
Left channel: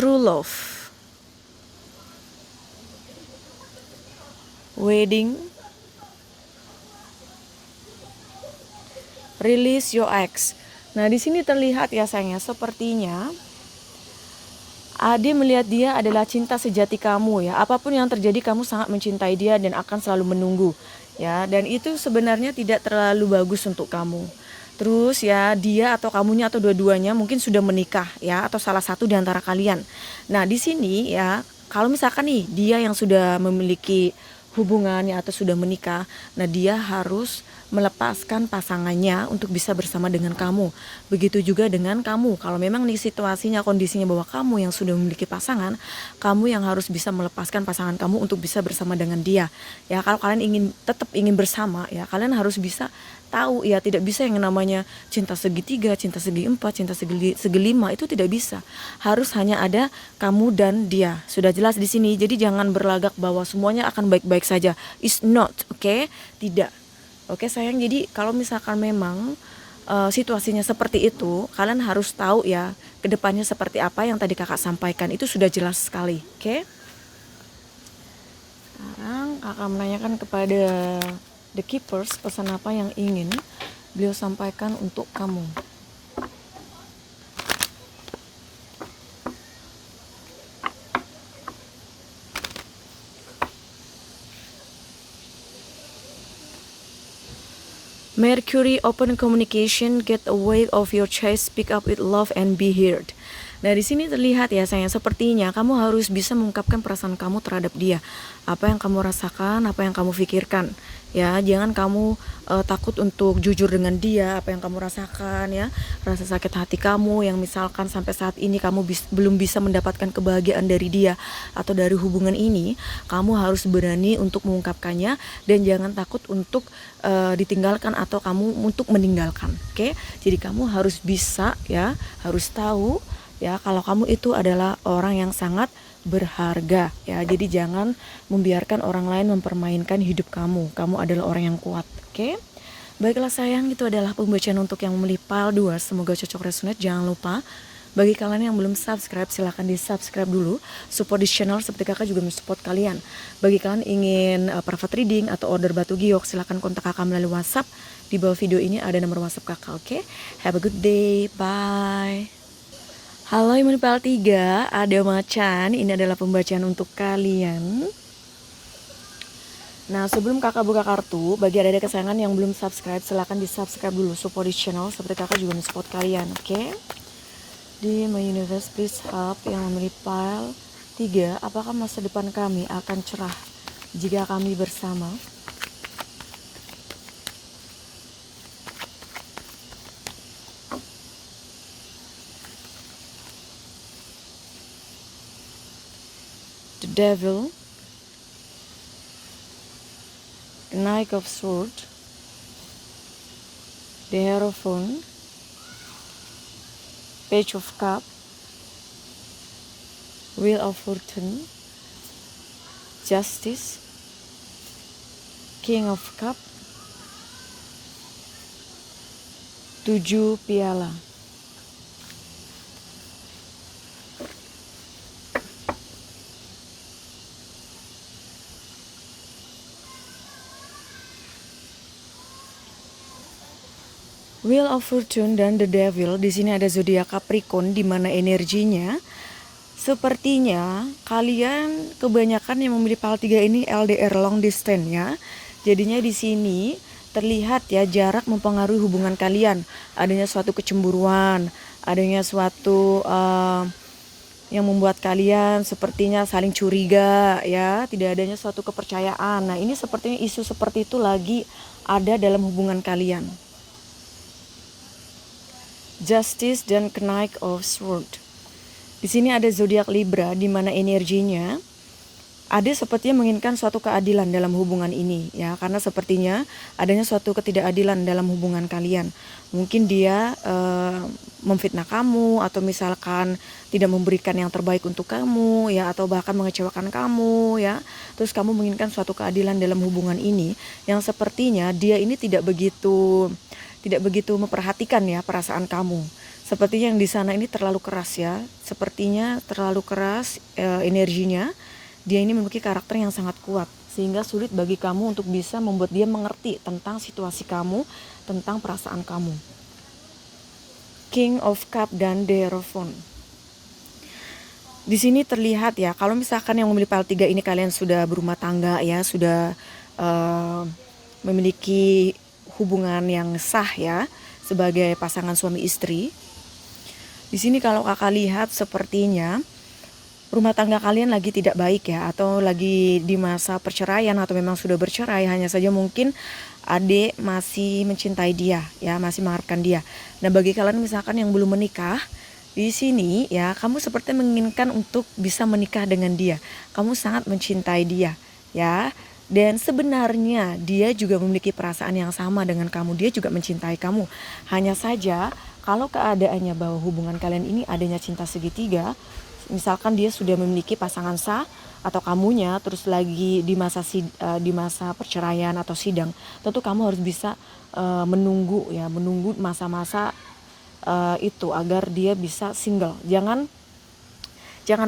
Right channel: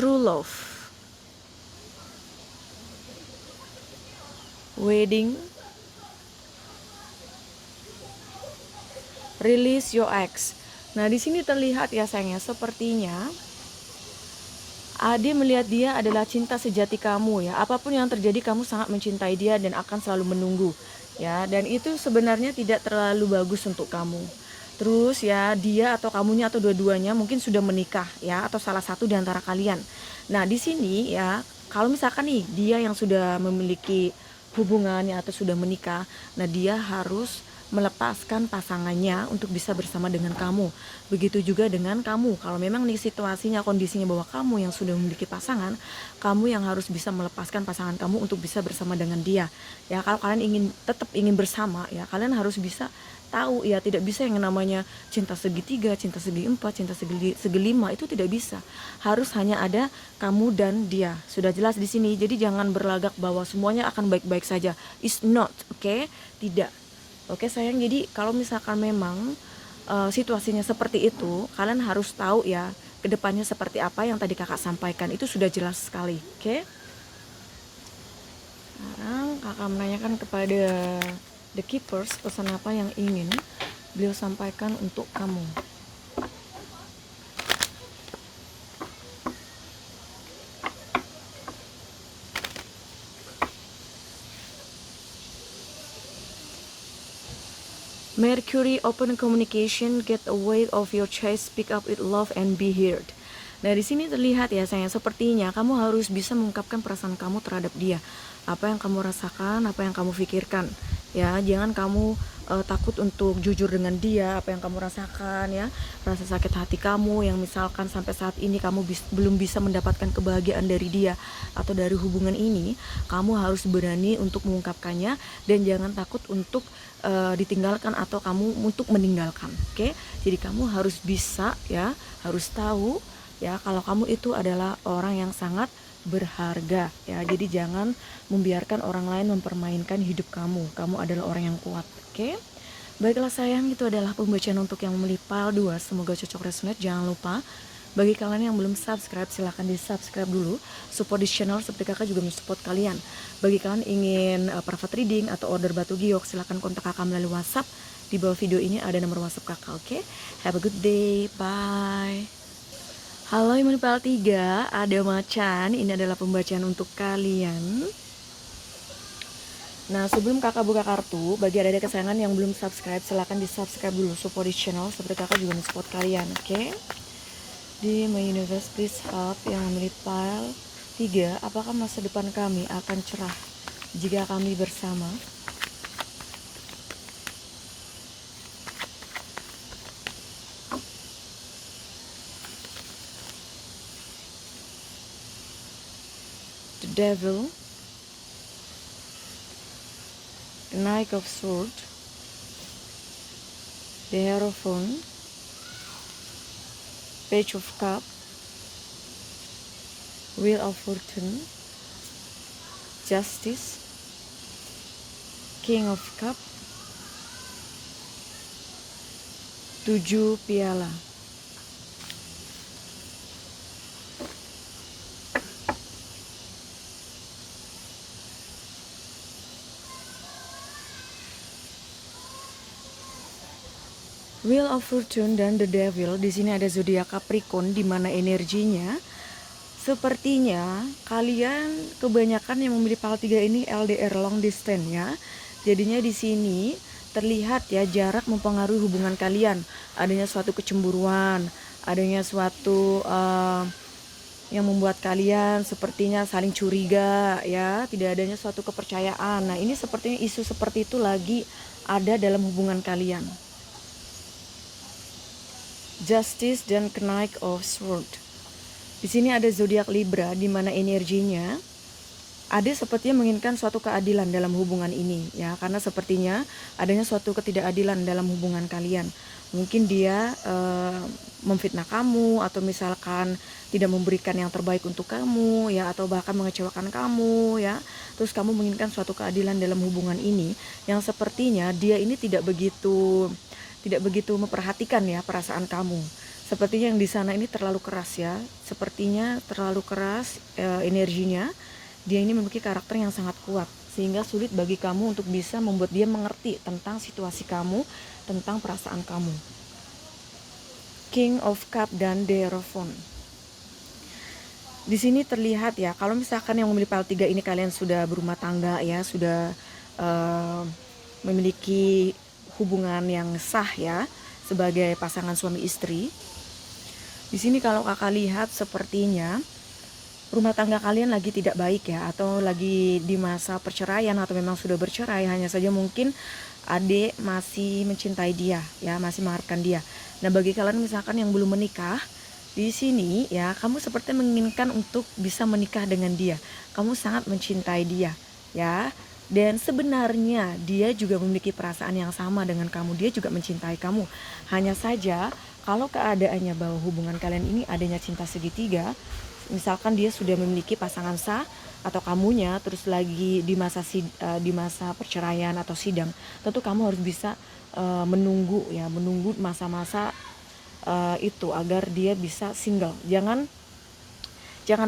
True love, wedding, release your ex. Nah di sini terlihat ya sayangnya, sepertinya Ade melihat dia adalah cinta sejati kamu ya. Apapun yang terjadi kamu sangat mencintai dia dan akan selalu menunggu ya. Dan itu sebenarnya tidak terlalu bagus untuk kamu. Terus ya dia atau kamunya atau dua-duanya mungkin sudah menikah ya, atau salah satu di antara kalian. Nah di sini ya kalau misalkan nih dia yang sudah memiliki hubungannya atau sudah menikah, nah dia harus melepaskan pasangannya untuk bisa bersama dengan kamu. Begitu juga dengan kamu. Kalau memang nih situasinya, kondisinya bahwa kamu yang sudah memiliki pasangan, kamu yang harus bisa melepaskan pasangan kamu untuk bisa bersama dengan dia. Ya, kalau kalian tetap ingin bersama, ya kalian harus bisa tahu ya, tidak bisa yang namanya cinta segitiga, cinta segi empat, cinta segi lima, itu tidak bisa. Harus hanya ada kamu dan dia. Sudah jelas di sini. Jadi jangan berlagak bahwa semuanya akan baik-baik saja. It's not, oke? Tidak. Oke sayang, jadi kalau misalkan memang situasinya seperti itu, kalian harus tahu ya kedepannya seperti apa yang tadi kakak sampaikan, itu sudah jelas sekali. Oke. Sekarang kakak menanyakan kepada The Keepers pesan apa yang ingin beliau sampaikan untuk kamu. Mercury, open communication, get away of your chest, speak up with love and be heard. Nah di sini terlihat ya sayang, sepertinya kamu harus bisa mengungkapkan perasaan kamu terhadap dia. Apa yang kamu rasakan, apa yang kamu pikirkan. Ya, jangan kamu takut untuk jujur dengan dia, apa yang kamu rasakan ya, rasa sakit hati kamu yang misalkan sampai saat ini kamu belum bisa mendapatkan kebahagiaan dari dia atau dari hubungan ini, kamu harus berani untuk mengungkapkannya dan jangan takut untuk ditinggalkan atau kamu untuk meninggalkan. Oke? Jadi kamu harus bisa ya, harus tahu ya kalau kamu itu adalah orang yang sangat berharga ya. Jadi jangan membiarkan orang lain mempermainkan hidup kamu. Kamu adalah orang yang kuat. Oke? Baiklah sayang, itu adalah pembacaan untuk yang memilih pile 2. Semoga cocok resonate. Jangan lupa Bagi kalian yang belum subscribe, silahkan di subscribe dulu. Support di channel seperti kakak juga mensupport kalian. Bagi kalian ingin private reading atau order batu giok, silahkan kontak kakak melalui WhatsApp. Di bawah video ini ada nomor WhatsApp kakak, oke? Have a good day, bye. Halo Imun PL 3, ada macan. Ini adalah pembacaan untuk kalian. Nah, sebelum kakak buka kartu, bagi adik-adik kesayangan yang belum subscribe, silahkan di subscribe dulu. Support di channel seperti kakak juga mensupport kalian, oke? Di My Universe please help yang memilih pile 3, apakah masa depan kami akan cerah jika kami bersama? The Devil, the Knight of Swords, the Hierophant, Page of Cup, Wheel of Fortune, Justice, King of Cup, 7 piala. Wheel of Fortune dan The Devil, di sini ada zodiak Capricorn, di mana energinya sepertinya kalian kebanyakan yang memilih pile 3 ini LDR, long distance ya. Jadinya di sini terlihat ya jarak mempengaruhi hubungan kalian, adanya suatu kecemburuan, adanya suatu yang membuat kalian sepertinya saling curiga ya, tidak adanya suatu kepercayaan. Nah, ini sepertinya isu seperti itu lagi ada dalam hubungan kalian. Justice dan Knight of Swords. Di sini ada zodiak Libra, di mana energinya ada sepertinya menginginkan suatu keadilan dalam hubungan ini ya, karena sepertinya adanya suatu ketidakadilan dalam hubungan kalian. Mungkin dia memfitnah kamu, atau misalkan tidak memberikan yang terbaik untuk kamu ya, atau bahkan mengecewakan kamu ya. Terus kamu menginginkan suatu keadilan dalam hubungan ini, yang sepertinya dia ini tidak begitu memperhatikan ya perasaan kamu. Sepertinya yang di sana ini terlalu keras ya, sepertinya terlalu keras energinya. Dia ini memiliki karakter yang sangat kuat, sehingga sulit bagi kamu untuk bisa membuat dia mengerti tentang situasi kamu, tentang perasaan kamu. King of Cup dan The Hierophant. Di sini terlihat ya, kalau misalkan yang memilih pile 3 ini kalian sudah berumah tangga ya, sudah memiliki hubungan yang sah ya, sebagai pasangan suami istri. Di sini kalau kakak lihat sepertinya rumah tangga kalian lagi tidak baik ya, atau lagi di masa perceraian, atau memang sudah bercerai. Hanya saja mungkin adik masih mencintai dia ya, masih mengharapkan dia. Nah, bagi kalian misalkan yang belum menikah, di sini ya, kamu seperti menginginkan untuk bisa menikah dengan dia. Kamu sangat mencintai dia ya. Dan sebenarnya dia juga memiliki perasaan yang sama dengan kamu. Dia juga mencintai kamu. Hanya saja kalau keadaannya bahwa hubungan kalian ini adanya cinta segitiga, misalkan dia sudah memiliki pasangan sah atau kamunya terus lagi di masa perceraian atau sidang, tentu kamu harus bisa menunggu masa-masa itu agar dia bisa single. Jangan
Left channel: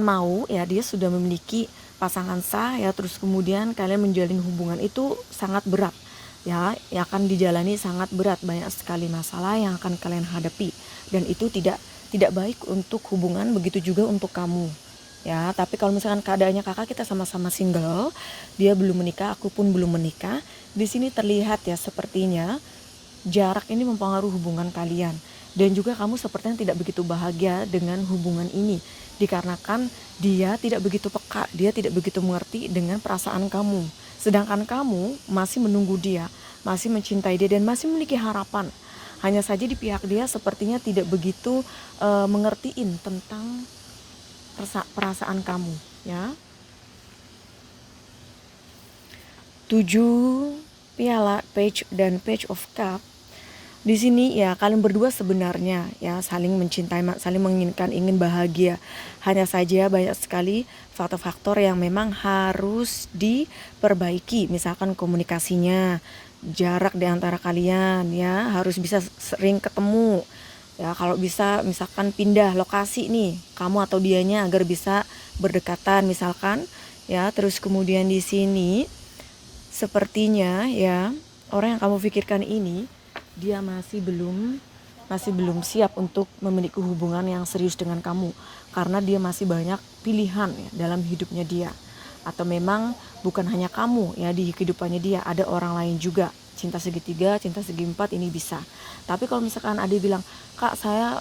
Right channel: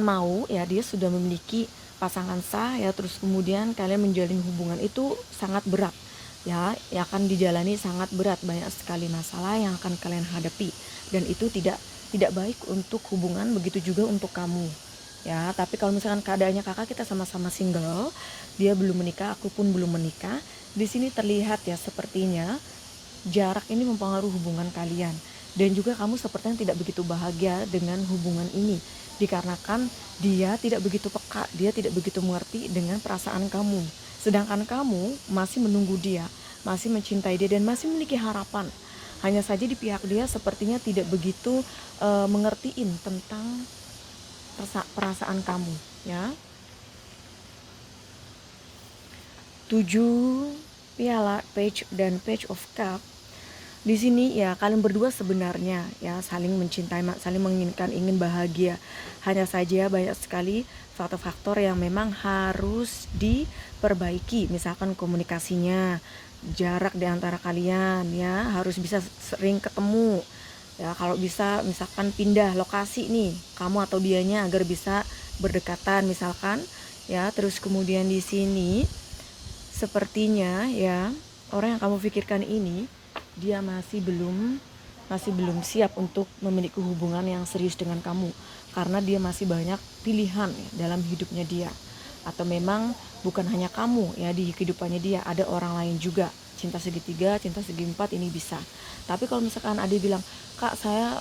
mau ya dia sudah memiliki pasangan sah ya, terus kemudian kalian menjalin hubungan itu sangat berat ya, yang akan dijalani sangat berat, banyak sekali masalah yang akan kalian hadapi, dan itu tidak baik untuk hubungan, begitu juga untuk kamu ya. Tapi kalau misalkan keadaannya kakak kita sama-sama single, dia belum menikah, aku pun belum menikah, di sini terlihat ya sepertinya jarak ini mempengaruhi hubungan kalian, dan juga kamu sepertinya tidak begitu bahagia dengan hubungan ini, dikarenakan dia tidak begitu peka, dia tidak begitu mengerti dengan perasaan kamu, sedangkan kamu masih menunggu dia, masih mencintai dia, dan masih memiliki harapan. Hanya saja di pihak dia sepertinya tidak begitu mengertiin tentang perasaan kamu ya. 7 piala, Page dan Page of Cup. Di sini ya kalian berdua sebenarnya ya saling mencintai, saling menginginkan, ingin bahagia. Hanya saja banyak sekali faktor-faktor yang memang harus diperbaiki. Misalkan komunikasinya, jarak di antara kalian ya, harus bisa sering ketemu Ya, kalau bisa misalkan pindah lokasi nih, kamu atau dianya agar bisa berdekatan misalkan ya. Terus kemudian di sini sepertinya ya orang yang kamu pikirkan ini dia masih belum siap untuk memiliki hubungan yang serius dengan kamu, karena dia masih banyak pilihan ya, dalam hidupnya dia. Atau memang bukan hanya kamu ya di kehidupannya dia, ada orang lain juga. Cinta segitiga, cinta segi empat ini bisa. Tapi kalau misalkan Ade bilang, kak saya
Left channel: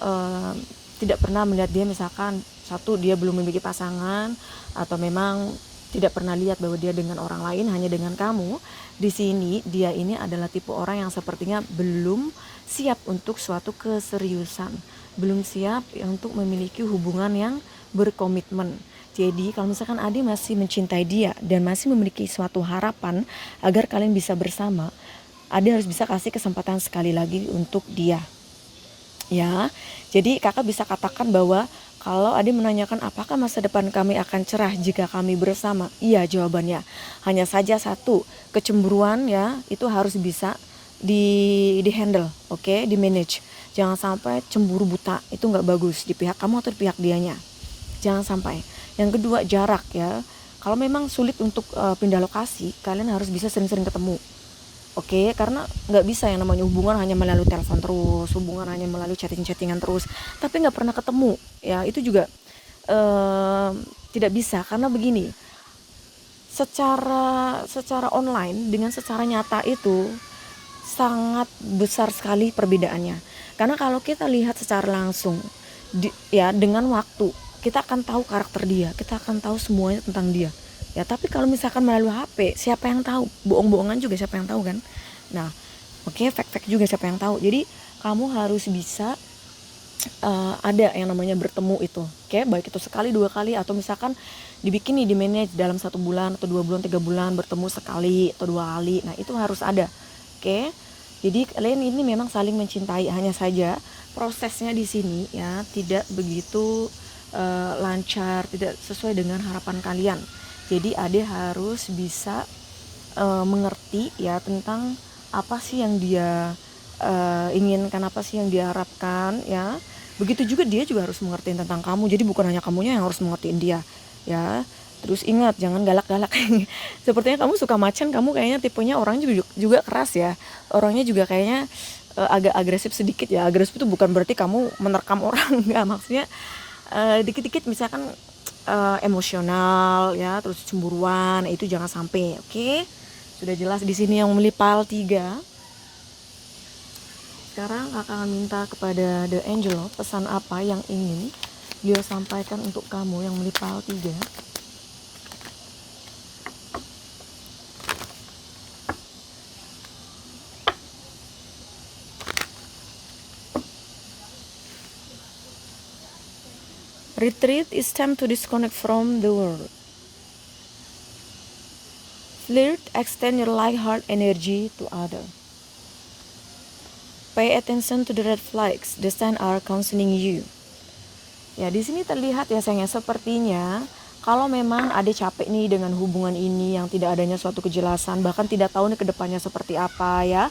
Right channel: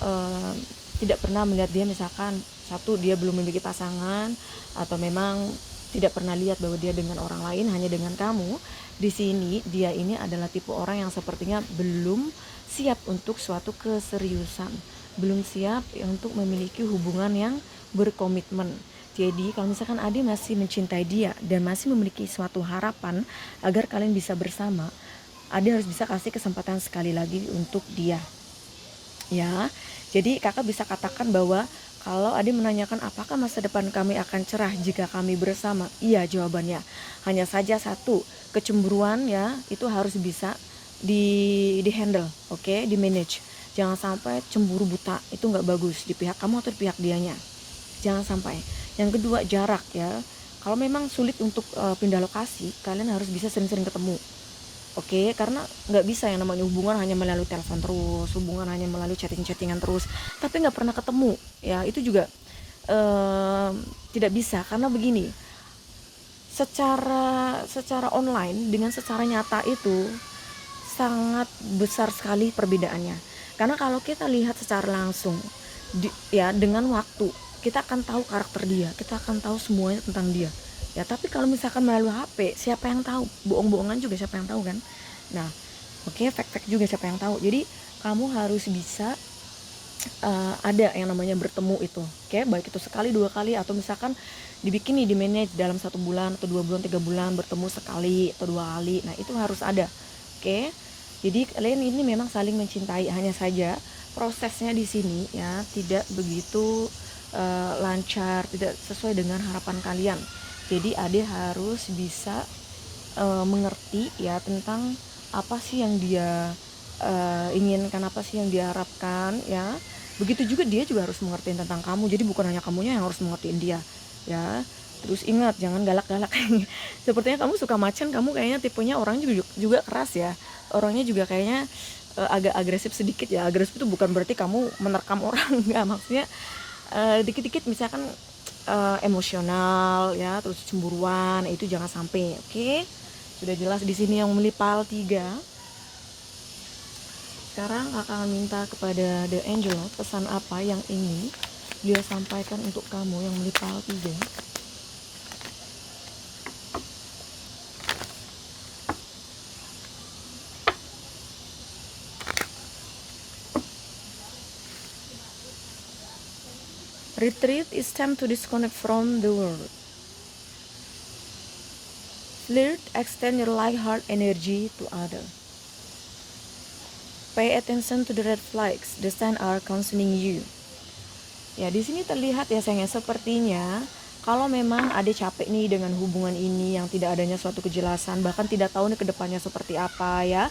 tidak pernah melihat dia, misalkan satu dia belum memiliki pasangan, atau memang tidak pernah lihat bahwa dia dengan orang lain, hanya dengan kamu. Di sini dia ini adalah tipe orang yang sepertinya belum siap untuk suatu keseriusan, belum siap untuk memiliki hubungan yang berkomitmen. Jadi kalau misalkan Ade masih mencintai dia dan masih memiliki suatu harapan agar kalian bisa bersama, Ade harus bisa kasih kesempatan sekali lagi untuk dia. Ya, jadi kakak bisa katakan bahwa kalau Ade menanyakan apakah masa depan kami akan cerah jika kami bersama, iya jawabannya. Hanya saja satu, kecemburuan ya itu harus bisa di handle, oke, di manage. Jangan sampai cemburu buta, itu nggak bagus di pihak kamu atau di pihak dianya. Jangan sampai. Yang kedua, jarak ya. Kalau memang sulit untuk pindah lokasi, kalian harus bisa sering-sering ketemu. Oke, karena nggak bisa yang namanya hubungan hanya melalui telepon terus, hubungan hanya melalui chatting-chattingan terus, tapi nggak pernah ketemu. Ya itu juga tidak bisa, karena begini, secara online dengan secara nyata itu sangat besar sekali perbedaannya. Karena kalau kita lihat secara langsung, ya dengan waktu kita akan tahu karakter dia, kita akan tahu semuanya tentang dia. Ya tapi kalau misalkan melalui HP, siapa yang tahu? Bohong-bohongan juga siapa yang tahu kan? Nah, oke, fake-fake juga siapa yang tahu. Jadi kamu harus bisa ada yang namanya bertemu itu, oke, baik itu sekali, 2 kali, atau misalkan dibikin nih di manage dalam 1 bulan atau 2 bulan, 3 bulan bertemu sekali atau 2 kali. Nah itu harus ada, oke. Jadi kalian ini memang saling mencintai, hanya saja prosesnya di sini ya tidak begitu lancar, tidak sesuai dengan harapan kalian. Jadi Ade harus bisa mengerti ya tentang apa sih yang dia inginkan, apa sih yang dia harapkan ya. Begitu juga dia juga harus mengerti tentang kamu. Jadi bukan hanya kamunya yang harus mengertiin dia ya. Terus ingat, jangan galak-galak. Sepertinya kamu suka macan, kamu kayaknya tipenya orangnya juga keras ya. Orangnya juga kayaknya agak agresif sedikit ya. Agresif itu bukan berarti kamu menerkam orang, enggak, maksudnya dikit-dikit misalkan emosional ya, terus cemburuan, itu jangan sampai, oke? Sudah jelas di sini yang memilih pal 3. Sekarang akan minta kepada The Angel pesan apa yang ingin dia sampaikan untuk kamu yang memilih pal 3. Retreat is time to disconnect from the world. Flirt, extend your light heart energy to others. Pay attention to the red flags, the signs are counseling you. Ya di sini terlihat ya sayangnya, sepertinya kalau memang ada capek nih dengan hubungan ini yang tidak adanya suatu kejelasan, bahkan tidak tahu nih kedepannya seperti apa ya.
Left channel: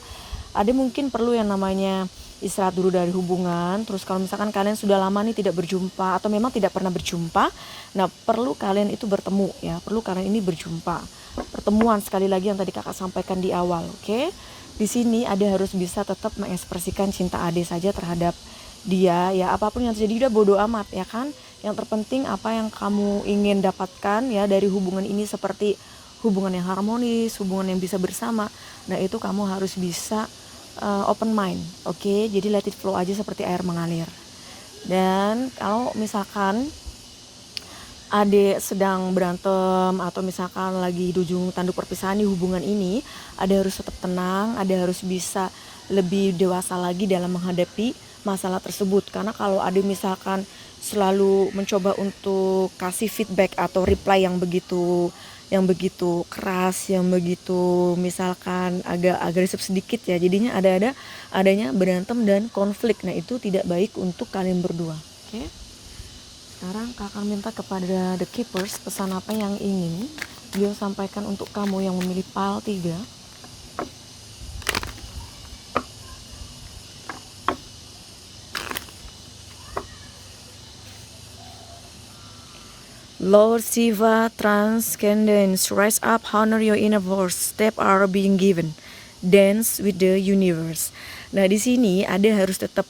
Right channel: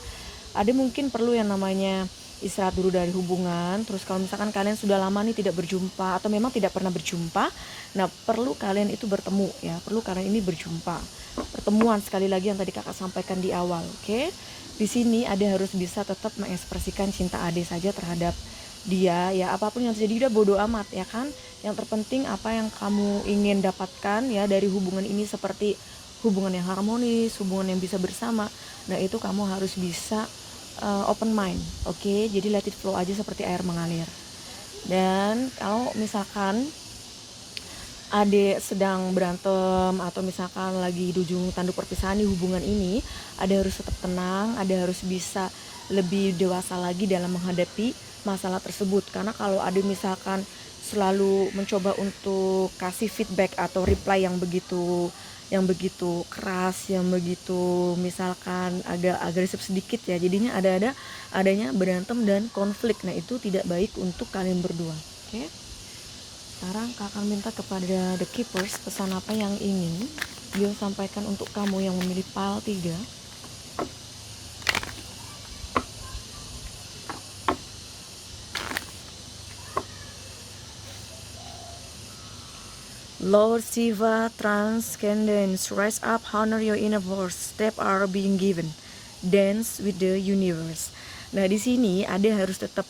Ada mungkin perlu yang namanya istirahat dulu dari hubungan. Terus kalau misalkan kalian sudah lama nih tidak berjumpa atau memang tidak pernah berjumpa, nah perlu kalian itu bertemu ya, perlu kalian ini berjumpa, pertemuan sekali lagi yang tadi kakak sampaikan di awal, oke? Di sini Ade harus bisa tetap mengekspresikan cinta Ade saja terhadap dia ya, apapun yang terjadi udah bodo amat ya kan. Yang terpenting apa yang kamu ingin dapatkan ya dari hubungan ini, seperti hubungan yang harmonis, hubungan yang bisa bersama. Nah itu kamu harus bisa open mind, oke? Jadi let it flow aja seperti air mengalir. Dan kalau misalkan Ade sedang berantem atau misalkan lagi di ujung tanduk perpisahan di hubungan ini, Ade harus tetap tenang, Ade harus bisa lebih dewasa lagi dalam menghadapi masalah tersebut. Karena kalau Ade misalkan selalu mencoba untuk kasih feedback atau reply yang begitu keras, yang begitu misalkan agak agresif sedikit ya, jadinya adanya berantem dan konflik. Nah itu tidak baik untuk kalian berdua, oke? Sekarang kakak minta kepada The Keepers pesan apa yang ingin dia sampaikan untuk kamu yang memilih pal 3. Lord Shiva transcendence, rise up, honor your inner voice, step are being given, dance with the universe. Nah di sini Ade harus tetap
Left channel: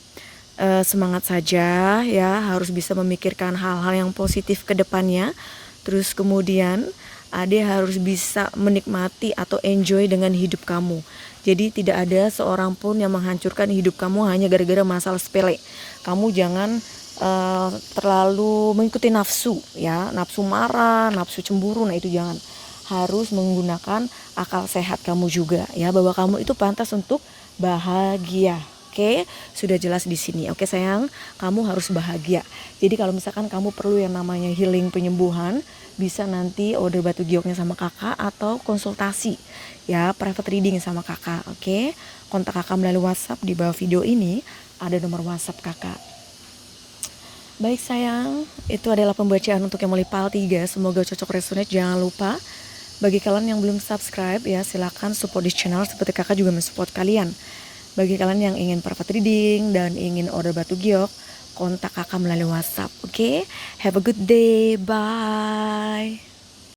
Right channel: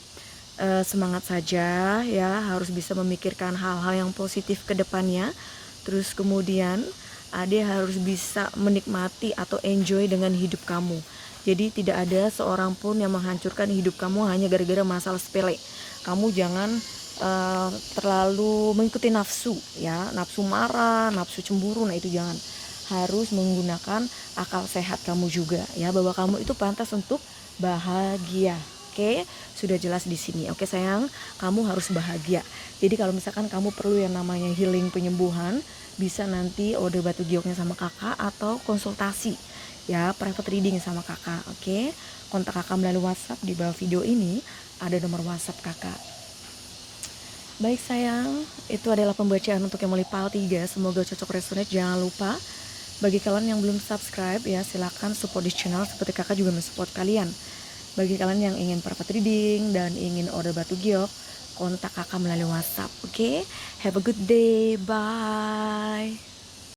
semangat saja ya, harus bisa memikirkan hal-hal yang positif ke depannya. Terus kemudian Ade harus bisa menikmati atau enjoy dengan hidup kamu. Jadi tidak ada seorang pun yang menghancurkan hidup kamu hanya gara-gara masalah sepele. Kamu jangan terlalu mengikuti nafsu ya, nafsu marah, nafsu cemburu, nah itu jangan. Harus menggunakan akal sehat kamu juga ya, bahwa kamu itu pantas untuk bahagia. Oke, sudah jelas di sini. Oke sayang, kamu harus bahagia. Jadi kalau misalkan kamu perlu yang namanya healing penyembuhan, bisa nanti order batu gioknya sama kakak atau konsultasi ya, private reading sama kakak. Oke, kontak kakak melalui WhatsApp di bawah video ini, ada nomor WhatsApp kakak. Baik sayang, itu adalah pembacaan untuk yang mulai PAL 3. Semoga cocok resonate. Jangan lupa bagi kalian yang belum subscribe ya, silakan support di channel seperti kakak juga mensupport kalian. Bagi kalian yang ingin private reading dan ingin order batu giok, kontak kakak melalui WhatsApp. Oke, have a good day, bye.